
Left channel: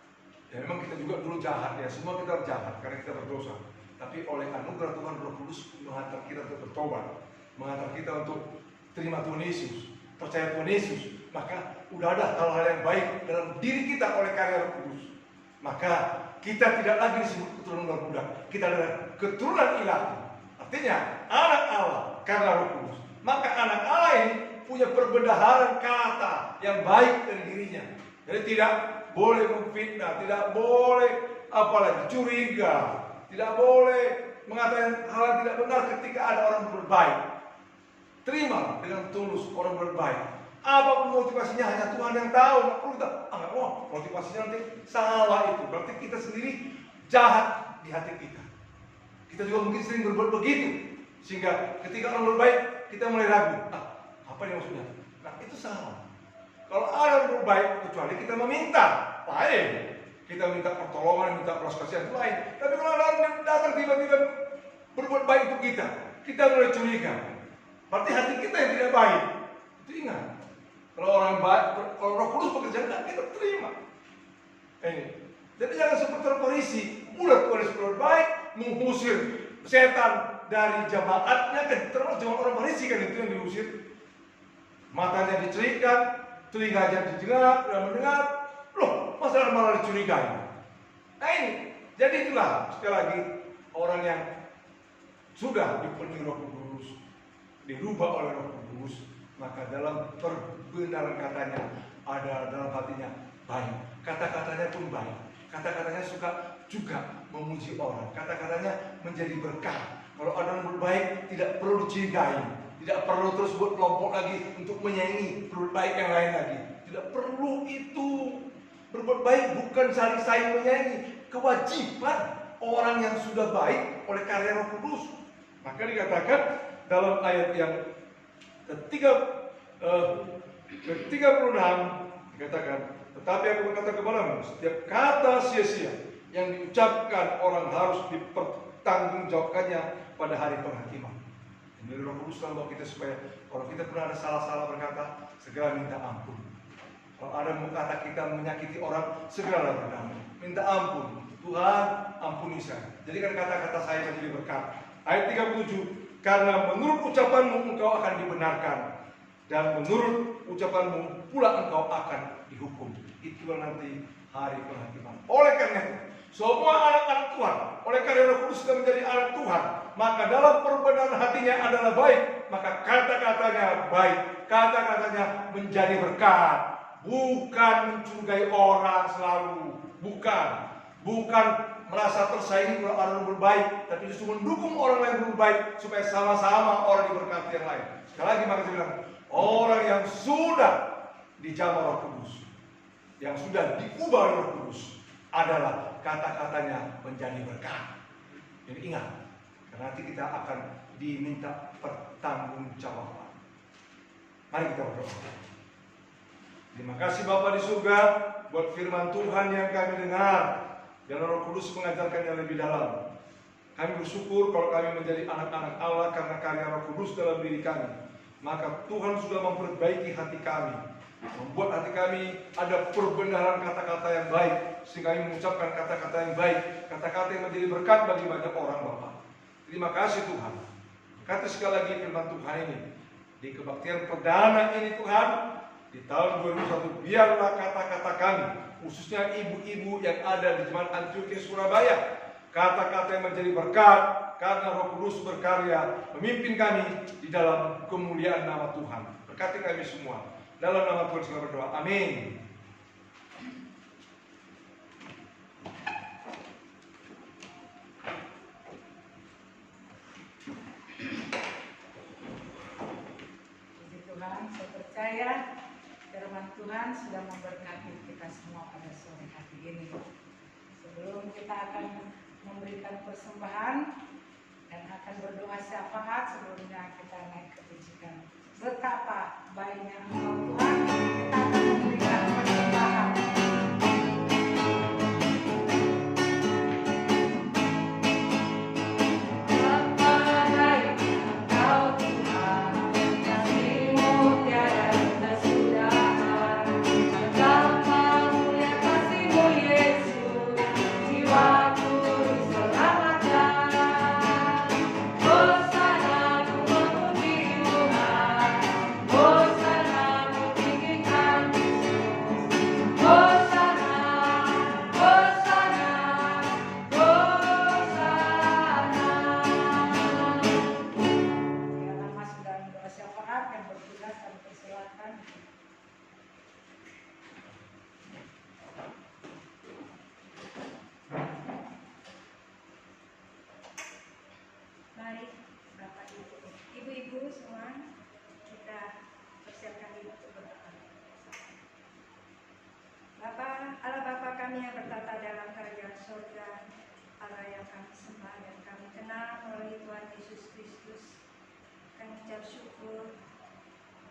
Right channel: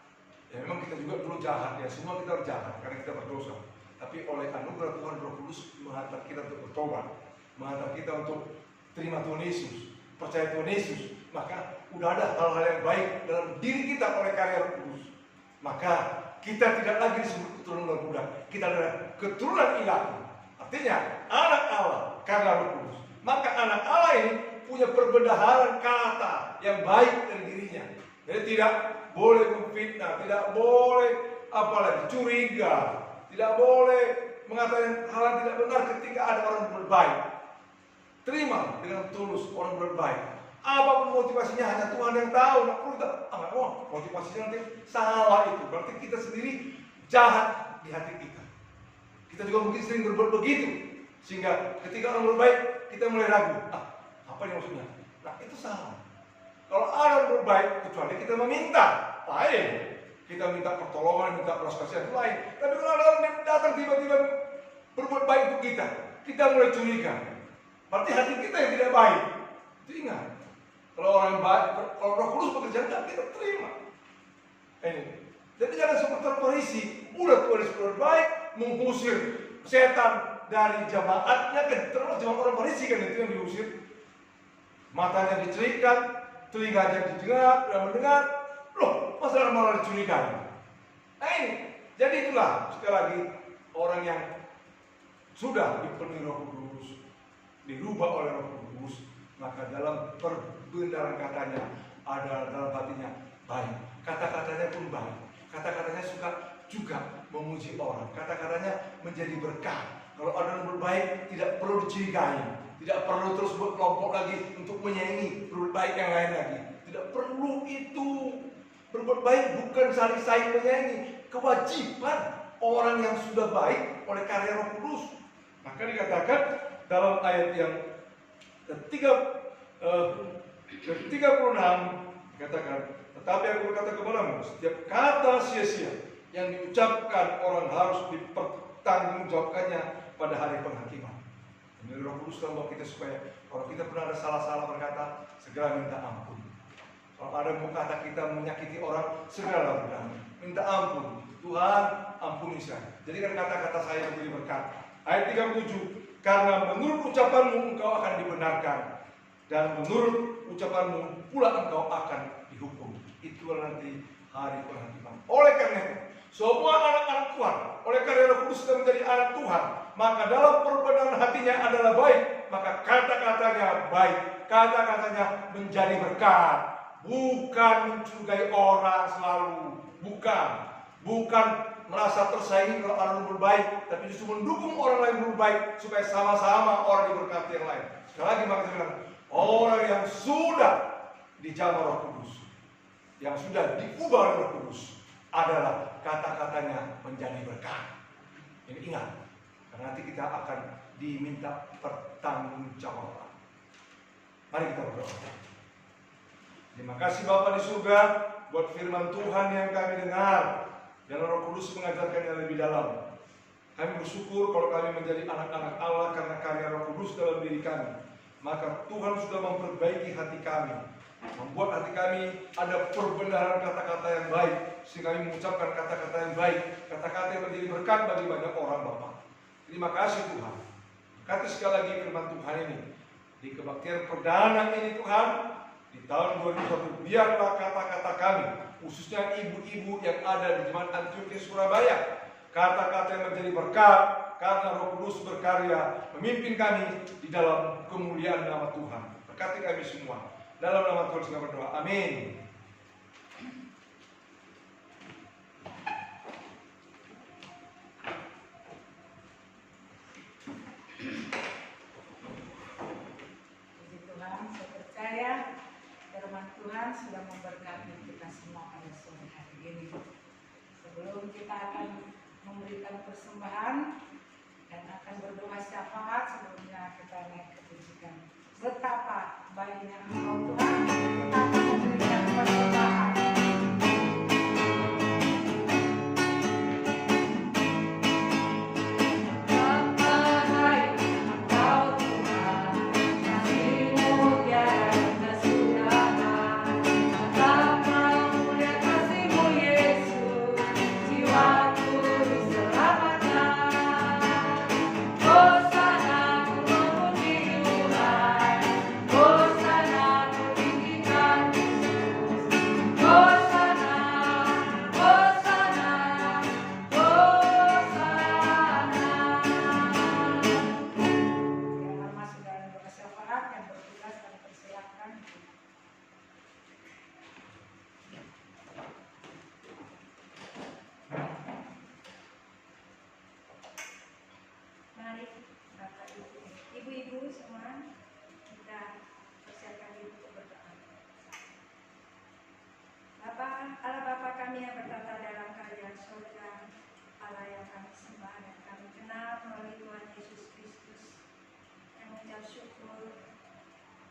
Ya memang kita juga dulu jahat ya, semua kita jahat karena kita berdosa. Tapi oleh anugerah Tuhan, Roh Kudus menghantar kita untuk bertobat, menghantar kita untuk terima Tuhan Yesus, percaya Tuhan Yesus. Maka udah ada hal-hal yang baik dalam diri kita oleh karya Roh Kudus. Maka kita tidak lagi disebut keturunan ular budak, kita adalah keturunan ilahi. Artinya anak Allah karena Roh Kudus. Maka anak Allah ini punya perbendaharaan kata yang baik dari dirinya. Jadi tidak boleh memfitnah, tidak boleh apalagi curiga, tidak boleh mengatakan hal yang tidak benar ketika ada orang berbaik. Terima dengan tulus orang berbaik. Apapun motivasinya hanya Tuhan yang tahu. Nggak perlu kita, motivasinya nanti salah itu. Berarti kita sendiri jahat di hati kita. Kita juga mungkin sering berbuat begitu. Sehingga ketika orang berbaik, kita mulai ragu. Apa ini maksudnya? Nah, itu salah. Kalau orang berbaik, kecuali kita meminta, lain. Kita minta pertolongan, minta belas kasihan, itu lain. Tapi kalau ada orang yang datang tiba-tiba berbuat baik untuk kita mulai curiga. Berarti hati kita yang tidak baik. Itu ingat. Kalau orang baik, kalau Roh Kudus bekerja, kita terima. Ini. Jadi jangan seperti orang Farisi, mudah Tuhan berbuat baik, mengusir setan dari jemaatnya, kan termasuk jemaat orang Farisi kan itu yang diusir. Matanya dicerikan, telinganya didengar, dan mendengar. Loh, masalah malah dicurigai. Nah ini, jadi itulah sekali lagi orang yang sudah dipenuhi Roh Kudus, dirubah oleh Roh Kudus, maka dalam perbenaran katanya ada dalam hatinya baik, kata-katanya pun baik, kata-katanya suka juga memuji orang, kata-katanya menjadi berkah. Kalau ada yang berbaik tidak perlu dicurigai, tidak perlu terus buat kelompok lagi untuk menyaingi berbuat baik yang lain lagi, tidak perlu itu. Berbuat baik bukan saling menyaingi, kewajiban orang yang sudah baik oleh karya Roh Kudus. Maka dikatakan dalam ayat yang ke-36 dikatakan, tetapi aku berkata kepadamu, setiap kata sia-sia yang diucapkan orang harus dipertanggungjawabkannya pada hari penghakiman. Ini Roh Kudus telah membawa kita supaya kalau kita pernah ada salah-salah berkata, segera minta ampun. Kalau ada kata kita menyakiti orang, segera berdamai, minta ampun. Tuhan, ampuni saya. Jadikan kata-kata saya menjadi berkat. Ayat 37, karena menurut ucapanmu engkau akan dibenarkan, dan menurut ucapanmu pula engkau akan dihukum. Itulah nanti hari penghakiman. Oleh karena itu, semua anak-anak Tuhan, oleh karena Roh Kudus sudah menjadi anak Tuhan, maka dalam perbenaran hatinya adalah baik, maka kata-katanya baik, kata-katanya menjadi berkat. Bukan mencurigai orang selalu, bukan merasa tersaingi kalau orang berbaik, tapi justru mendukung orang lain berbaik supaya sama-sama orang diberkati yang lain. Sekali lagi maka saya bilang, orang yang sudah dijamah Roh Kudus, yang sudah diubah oleh Roh Kudus, adalah kata-katanya menjadi berkat. Jadi ingat, karena nanti kita akan diminta pertanggungjawaban. Mari kita berdoa. Terima kasih Bapa di surga buat firman Tuhan yang kami dengar dan Roh Kudus mengajarkannya lebih dalam. Kami bersyukur kalau kami menjadi anak-anak Allah karena karya Roh Kudus dalam diri kami. Maka Tuhan sudah memperbaiki hati kami, membuat hati kami ada perbenaran kata-kata yang baik, sehingga kami mengucapkan kata-kata yang baik, kata-kata yang menjadi berkat bagi banyak orang Bapa. Terima kasih Tuhan. Kata sekali lagi firman Tuhan ini di kebaktian perdana ini Tuhan. Di tahun 2021 biarlah kata-kata kami, khususnya ibu-ibu yang ada di Jemaat Antioquia Surabaya, kata-kata yang menjadi berkat karena Roh Kudus berkarya memimpin kami di dalam kemuliaan nama Tuhan. Berkati kami semua. Dalam nama Tuhan kita berdoa. Amin. Puji Tuhan, saya percaya firman Tuhan sudah memberkati kita semua pada sore hari ini. Sebelum kita akan memberikan persembahan dan akan berdoa syafaat, sebelumnya kita naik ke pujikan. Betapa baiknya Engkau Tuhan, kita akan memberikan persembahan. Hosana, ku memuji Tuhan. Hosana, ku mengucap syukur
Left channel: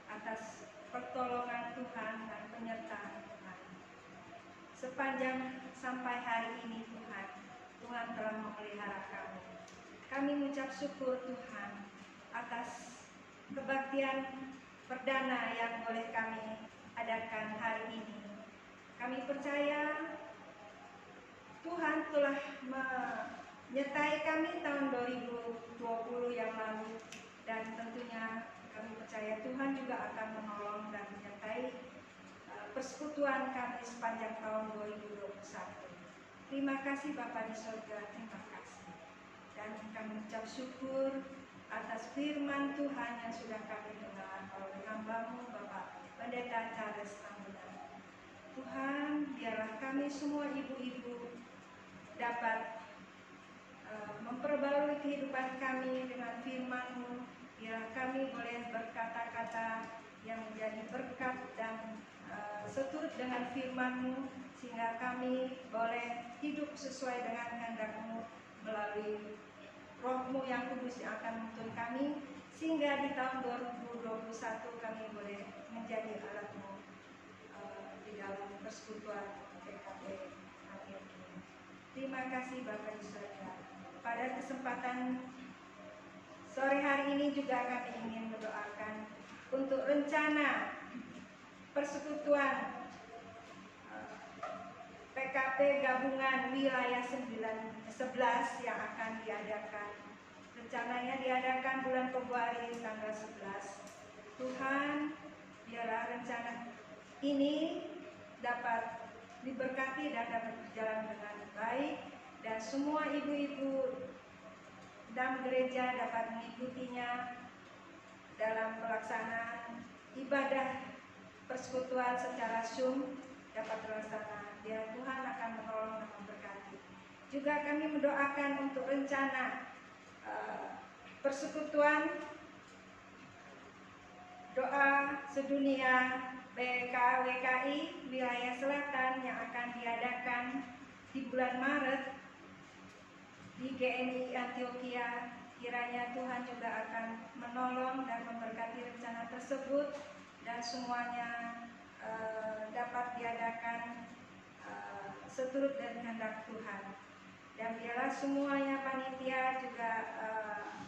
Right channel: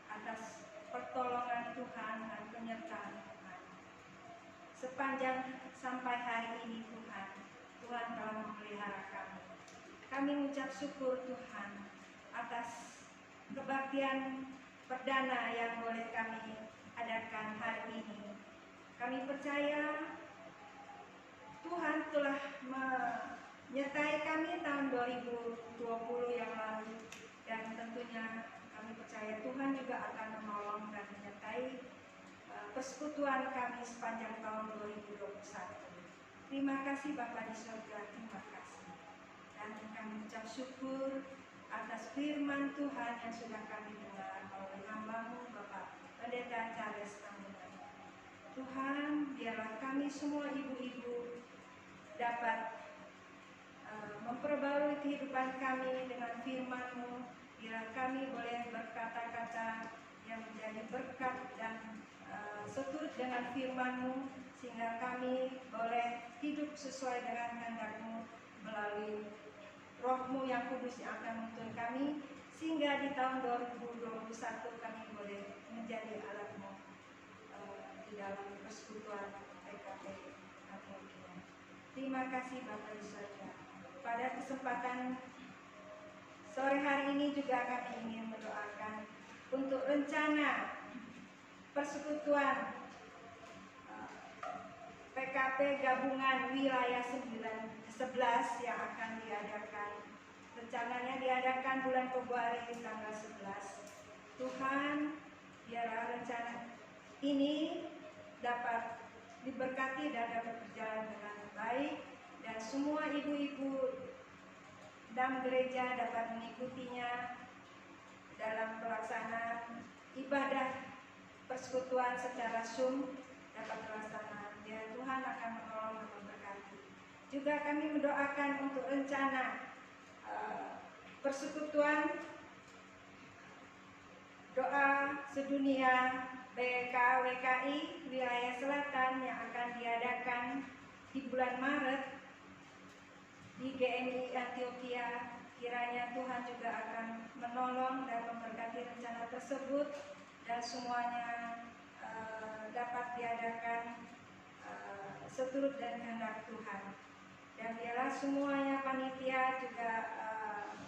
atas pertolongan Tuhan dan penyertaan Tuhan. Sepanjang sampai hari ini Tuhan, Tuhan telah memelihara kami. Kami mengucap syukur Tuhan atas kebaktian perdana yang boleh kami adakan hari ini. Kami percaya Tuhan telah menyertai kami tahun 2020 yang lalu, dan tentunya kami percaya Tuhan juga akan menolong dan menyertai persekutuan kami sepanjang tahun 2021. Terima kasih Bapa di surga, terima kasih. Dan kami ucap syukur atas firman Tuhan yang sudah kami dengar oleh hamba-Mu Bapak Pendeta Charles Tambunan. Tuhan, biarlah kami semua ibu-ibu dapat memperbarui kehidupan kami dengan firman-Mu. Biarlah kami boleh berkata-kata yang menjadi berkat dan seturut dengan firman-Mu, sehingga kami boleh hidup sesuai dengan kehendak-Mu melalui Roh-Mu yang kudus yang akan menuntun kami, sehingga di tahun 2021 kami boleh menjadi alat-Mu di dalam persekutuan PKP Antioquia. Terima kasih Bapak di surga. Pada kesempatan sore hari ini juga kami ingin mendoakan untuk rencana persekutuan PKP gabungan wilayah 11 yang akan diadakan. Rencananya diadakan bulan Februari tanggal 11. Tuhan, biarlah rencana ini dapat diberkati dan dapat berjalan dengan baik, dan semua ibu-ibu dan gereja dapat mengikutinya dalam pelaksanaan ibadah persekutuan secara Zoom dapat terlaksana. Dan Tuhan akan menolong dan memberkati. Juga kami mendoakan untuk rencana persekutuan doa sedunia BKWKI wilayah selatan yang akan diadakan di bulan Maret di GMI Antioquia. Kiranya Tuhan juga akan menolong dan memberkati rencana tersebut, dan semuanya dapat diadakan seturut dan kehendak Tuhan. Dan biarlah semuanya panitia juga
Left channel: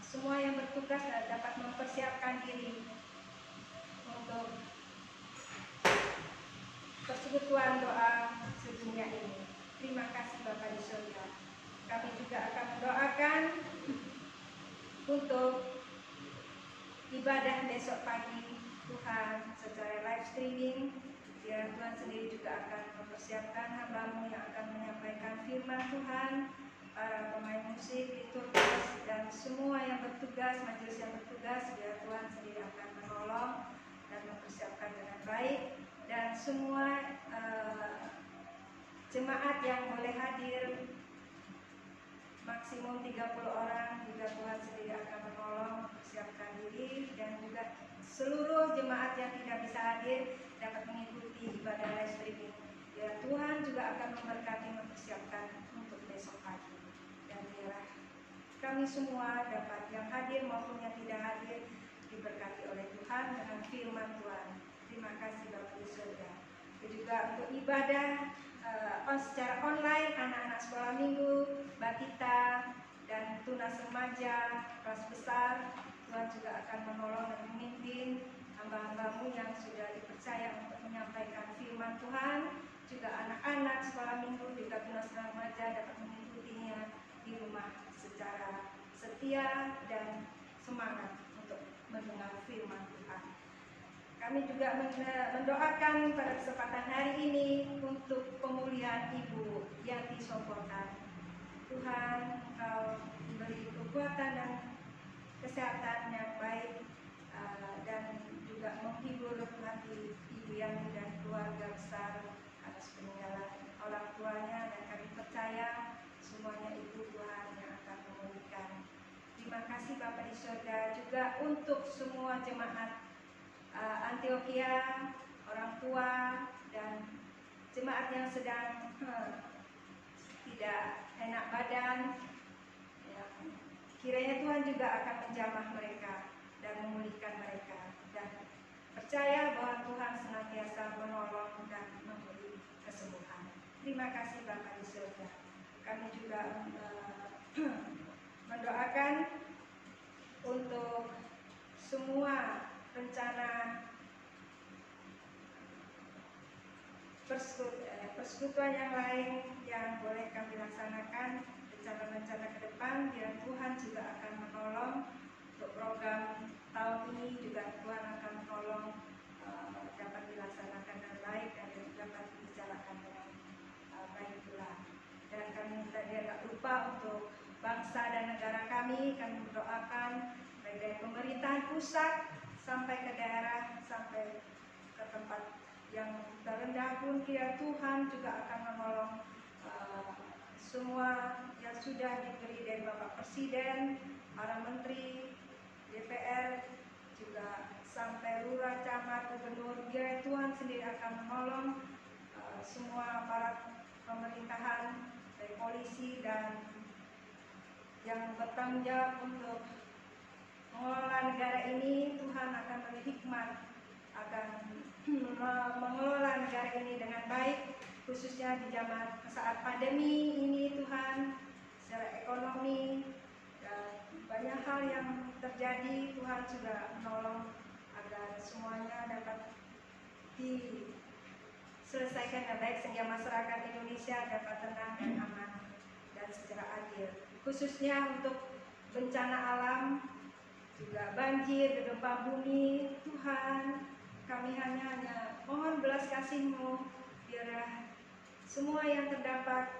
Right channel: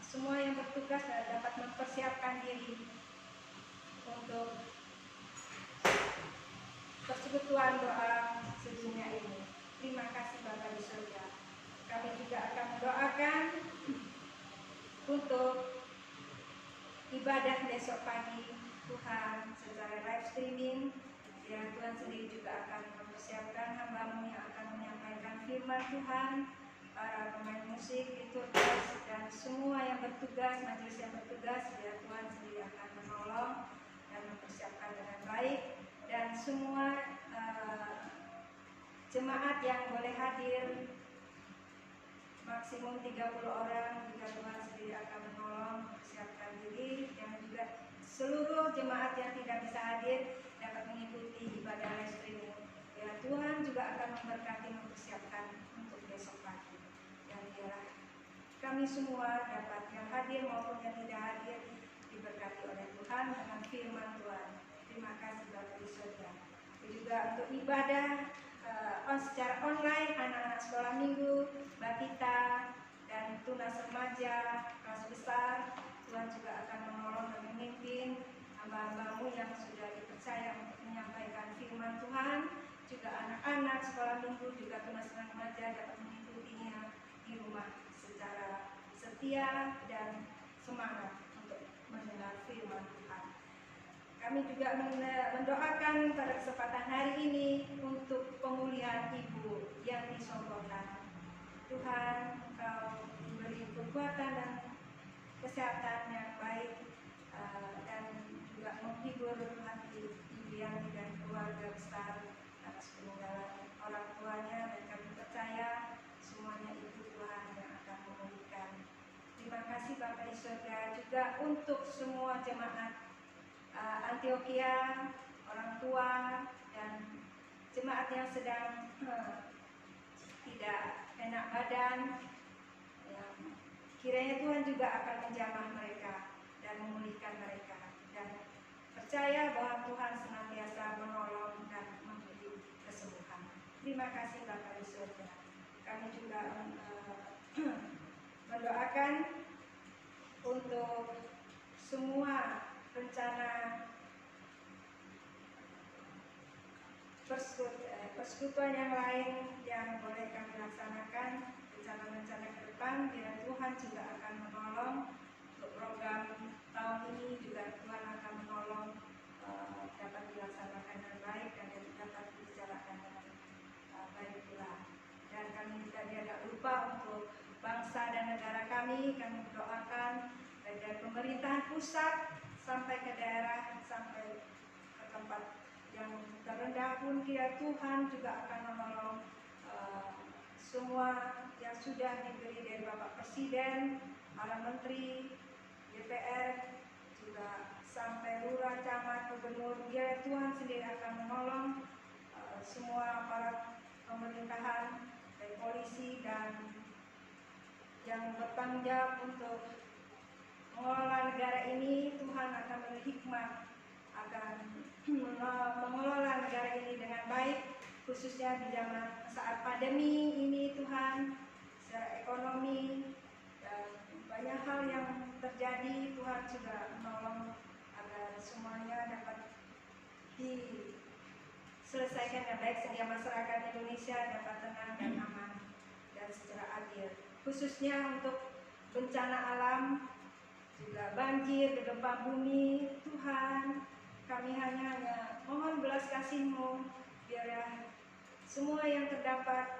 semua yang bertugas dapat mempersiapkan diri untuk persekutuan doa sedunia ini. Terima kasih Bapak di surga. Kami juga akan mendoakan untuk ibadah besok pagi Tuhan secara live streaming. Biar Tuhan sendiri juga akan mempersiapkan hamba-Mu yang akan menyampaikan firman Tuhan, para pemain musik, liturgis, dan semua yang bertugas, majelis yang bertugas. Biar Tuhan sendiri akan menolong dan mempersiapkan dengan baik, dan semua jemaat yang boleh hadir maksimum 30 orang juga Tuhan sendiri akan menolong mempersiapkan diri, dan juga seluruh jemaat yang tidak bisa hadir dapat mengikuti ibadah live streaming. Ya, Tuhan juga akan memberkati mempersiapkan untuk besok pagi, dan biarlah kami semua dapat yang hadir maupun yang tidak hadir diberkati oleh Tuhan dengan firman Tuhan. Terima kasih Bapak di surga. Juga untuk ibadah secara online, anak-anak sekolah minggu, Bakita, dan tunas remaja, kelas besar, Tuhan juga akan menolong dan memimpin hamba-hamba-Mu yang sudah dipercaya untuk menyampaikan firman Tuhan. Juga anak-anak sekolah minggu, juga tunas remaja dapat mengikutinya di rumah secara setia dan semangat untuk mendengar firman Tuhan. Kami juga mendoakan pada kesempatan hari ini untuk pemulihan Ibu Yanti Sopotan. Tuhan, Engkau beri kekuatan dan kesehatan yang baik, dan juga menghibur hati Ibu Yanti dan keluarga besar atas peninggalan orang tuanya, dan kami percaya semuanya Ibu Tuhan yang akan memulihkan. Terima kasih Bapak di surga. Juga untuk semua jemaat Antioquia, orang tua, dan jemaat yang sedang tidak enak badan, yang kiranya Tuhan juga akan menjamah mereka dan memulihkan mereka, dan percaya bahwa Tuhan senantiasa menolong dan memberi kesembuhan. Terima kasih Bapa di surga. Kami juga mendoakan untuk semua rencana persekutuan yang lain yang boleh kami laksanakan, rencana-rencana ke depan, biar Tuhan juga akan menolong. Untuk program tahun ini juga Tuhan akan menolong dapat dilaksanakan dengan baik dan dapat dibicarakan dengan baik pula. Dan kami tidak lupa untuk bangsa dan negara kami berdoakan baik dari pemerintahan pusat sampai ke daerah, sampai ke tempat yang terendah pun kiranya Tuhan juga akan menolong semua yang sudah diberi dari Bapak Presiden, para menteri, DPR, juga sampai lurah, camat, gubernur. Kiranya Tuhan sendiri akan menolong semua aparat pemerintahan, dari polisi dan yang bertanggung jawab untuk mengelola negara ini. Tuhan akan beri hikmat agar mengelola negara ini dengan baik, khususnya di zaman saat pandemi ini. Tuhan, secara ekonomi dan banyak hal yang terjadi, Tuhan juga menolong agar semuanya dapat diselesaikan dengan baik sehingga masyarakat Indonesia dapat tenang dan aman dan secara adil. Khususnya untuk bencana alam, juga banjir, gempa bumi. Tuhan, kami hanya mohon belas kasih-Mu, biar semua yang terdampak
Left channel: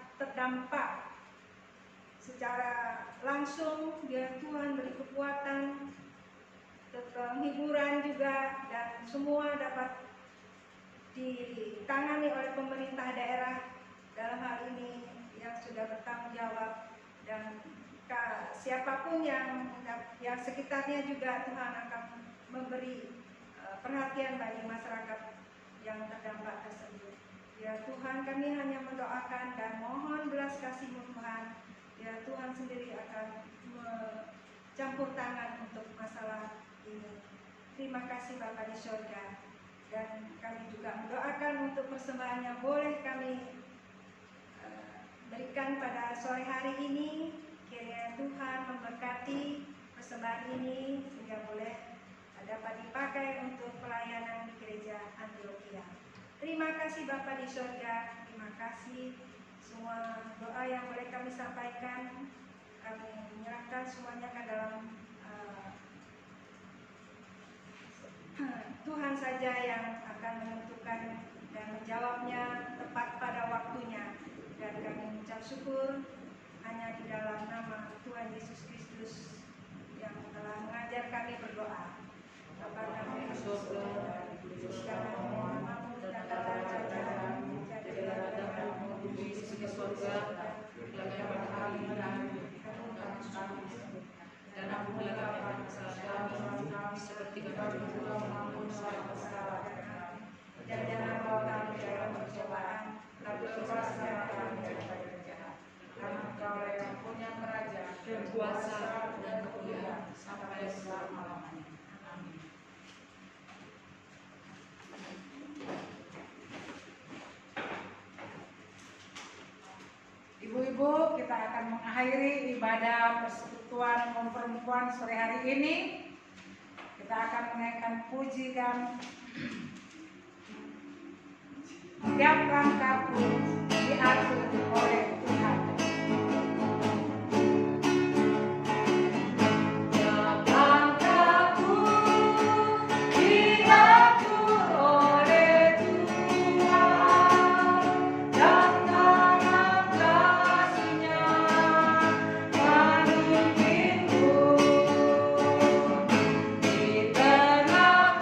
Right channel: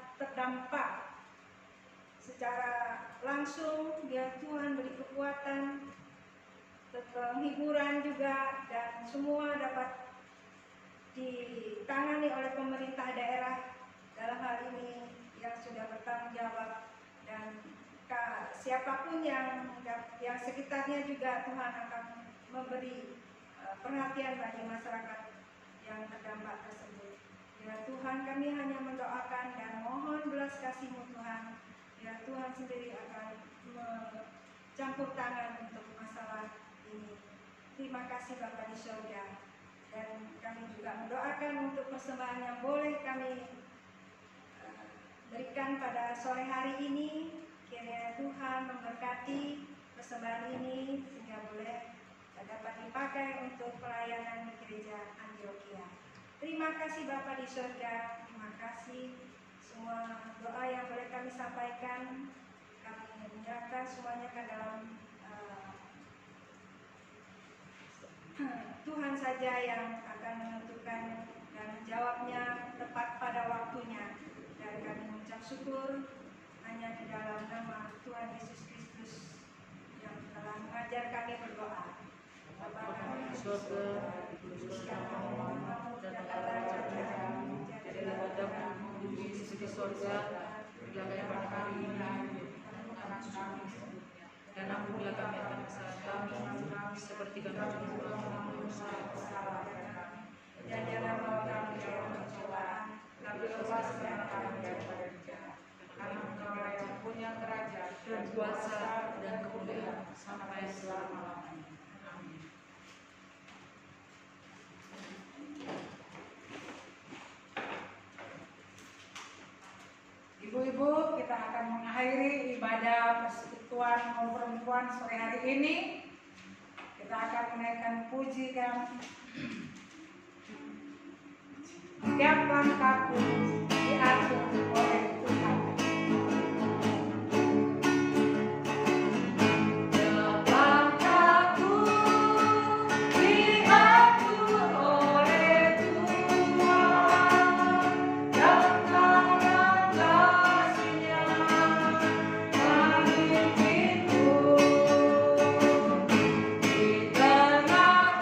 secara langsung, biar Tuhan beri kekuatan, penghiburan juga, dan semua dapat ditangani oleh pemerintah daerah dalam hal ini yang sudah bertanggung jawab, dan siapapun yang sekitarnya juga Tuhan akan memberi perhatian bagi masyarakat yang terdampak tersebut. Ya Tuhan, kami hanya mendoakan dan mohon belas kasih-Mu Tuhan. Ya Tuhan sendiri akan campur tangan untuk masalah ini. Terima kasih Bapa di surga. Dan kami juga mendoakan untuk persembahan yang boleh kami berikan pada sore hari ini. Kiranya Tuhan memberkati persembahan ini sehingga boleh dapat dipakai untuk pelayanan di gereja Antioquia. Terima kasih Bapa di surga. Terima kasih semua doa yang boleh kami sampaikan. Kami menyerahkan semuanya ke dalam Tuhan saja yang akan menentukan dan menjawabnya tepat pada waktunya. Dan kami mengucap syukur hanya di dalam nama Tuhan Yesus Kristus yang telah mengajar kami berdoa. Bapa kami di surga, dikuduskanlah namamu, datanglah kerajaanmu, jadilah kehendakmu di bumi seperti di surga. Berikanlah kami hari kami dan ampunilah kami kesalahan seperti kami mengampuni kesalahan. Dan jangan bawa kami dalam pencobaan, tapi lepaskan kami dari jahat. Karena Engkau yang punya kerajaan, kuasa dan kemuliaan sampai selama-lamanya. Ibu-ibu, kita akan mengakhiri ibadah persekutuan kaum perempuan sore hari ini. Kita akan menaikkan puji kami. Setiap langkahku diatur oleh Tuhan. Di tengah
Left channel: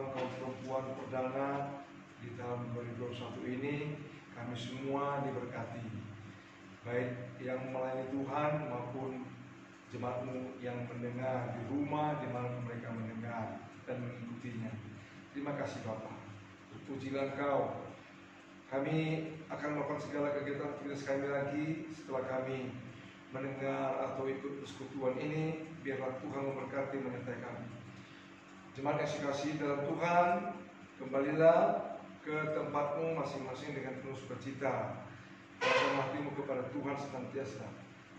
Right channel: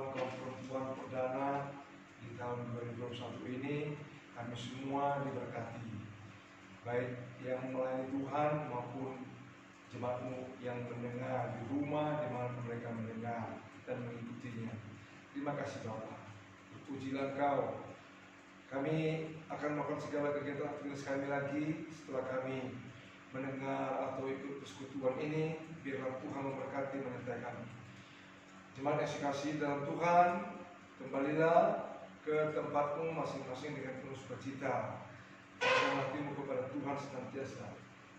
persekutuan kaum perempuan perdana di tahun 2021 ini, kami semua diberkati, baik yang melayani Tuhan maupun jemaatmu yang mendengar di rumah di mana mereka mendengar dan mengikutinya. Terima kasih Bapa, terpujilah Engkau. Kami akan melakukan segala kegiatan aktivitas kami lagi setelah kami mendengar atau ikut persekutuan ini. Biarlah Tuhan memberkati menyertai kami. Jemaat yang dikasihi dalam Tuhan, kembalilah ke tempatmu masing-masing dengan penuh sukacita. Serahkan hatimu kepada Tuhan senantiasa.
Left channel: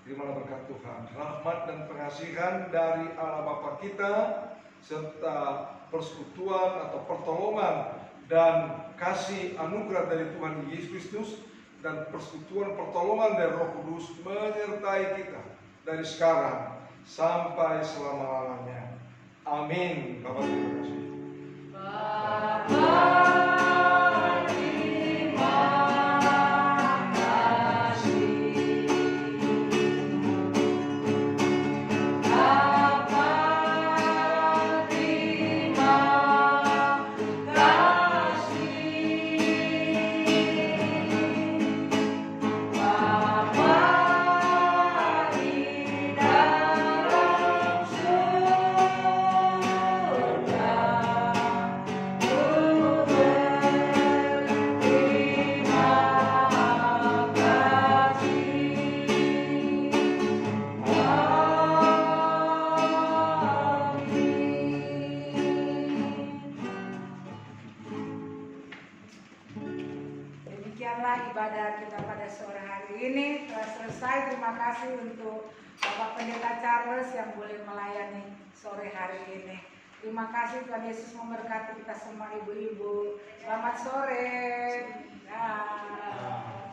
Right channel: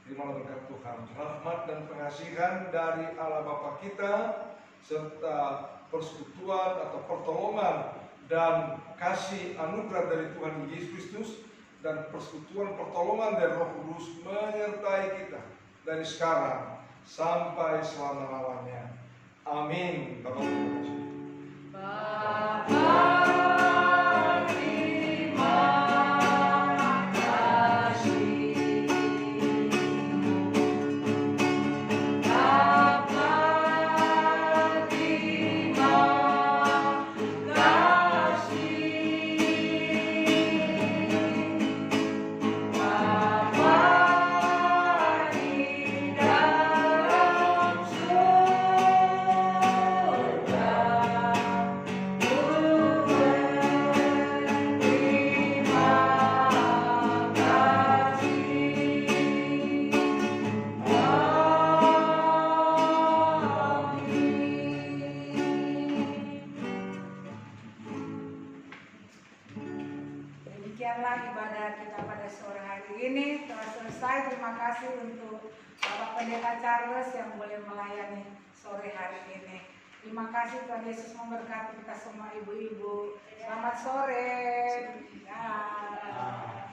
Terimalah berkat Tuhan, rahmat dan pengasihan dari Allah Bapa kita, serta persekutuan atau pertolongan dan kasih anugerah dari Tuhan Yesus Kristus, dan persekutuan pertolongan dari Roh Kudus menyertai kita dari sekarang sampai selama-lamanya. Amin. Bapak terima kasih. Demikianlah ibadah kita pada sore hari ini telah selesai. Terima kasih untuk Bapak Pendeta Charles yang boleh melayani sore hari ini. Terima kasih, Tuhan Yesus memberkati kita semua ibu-ibu. Selamat sore. Ya.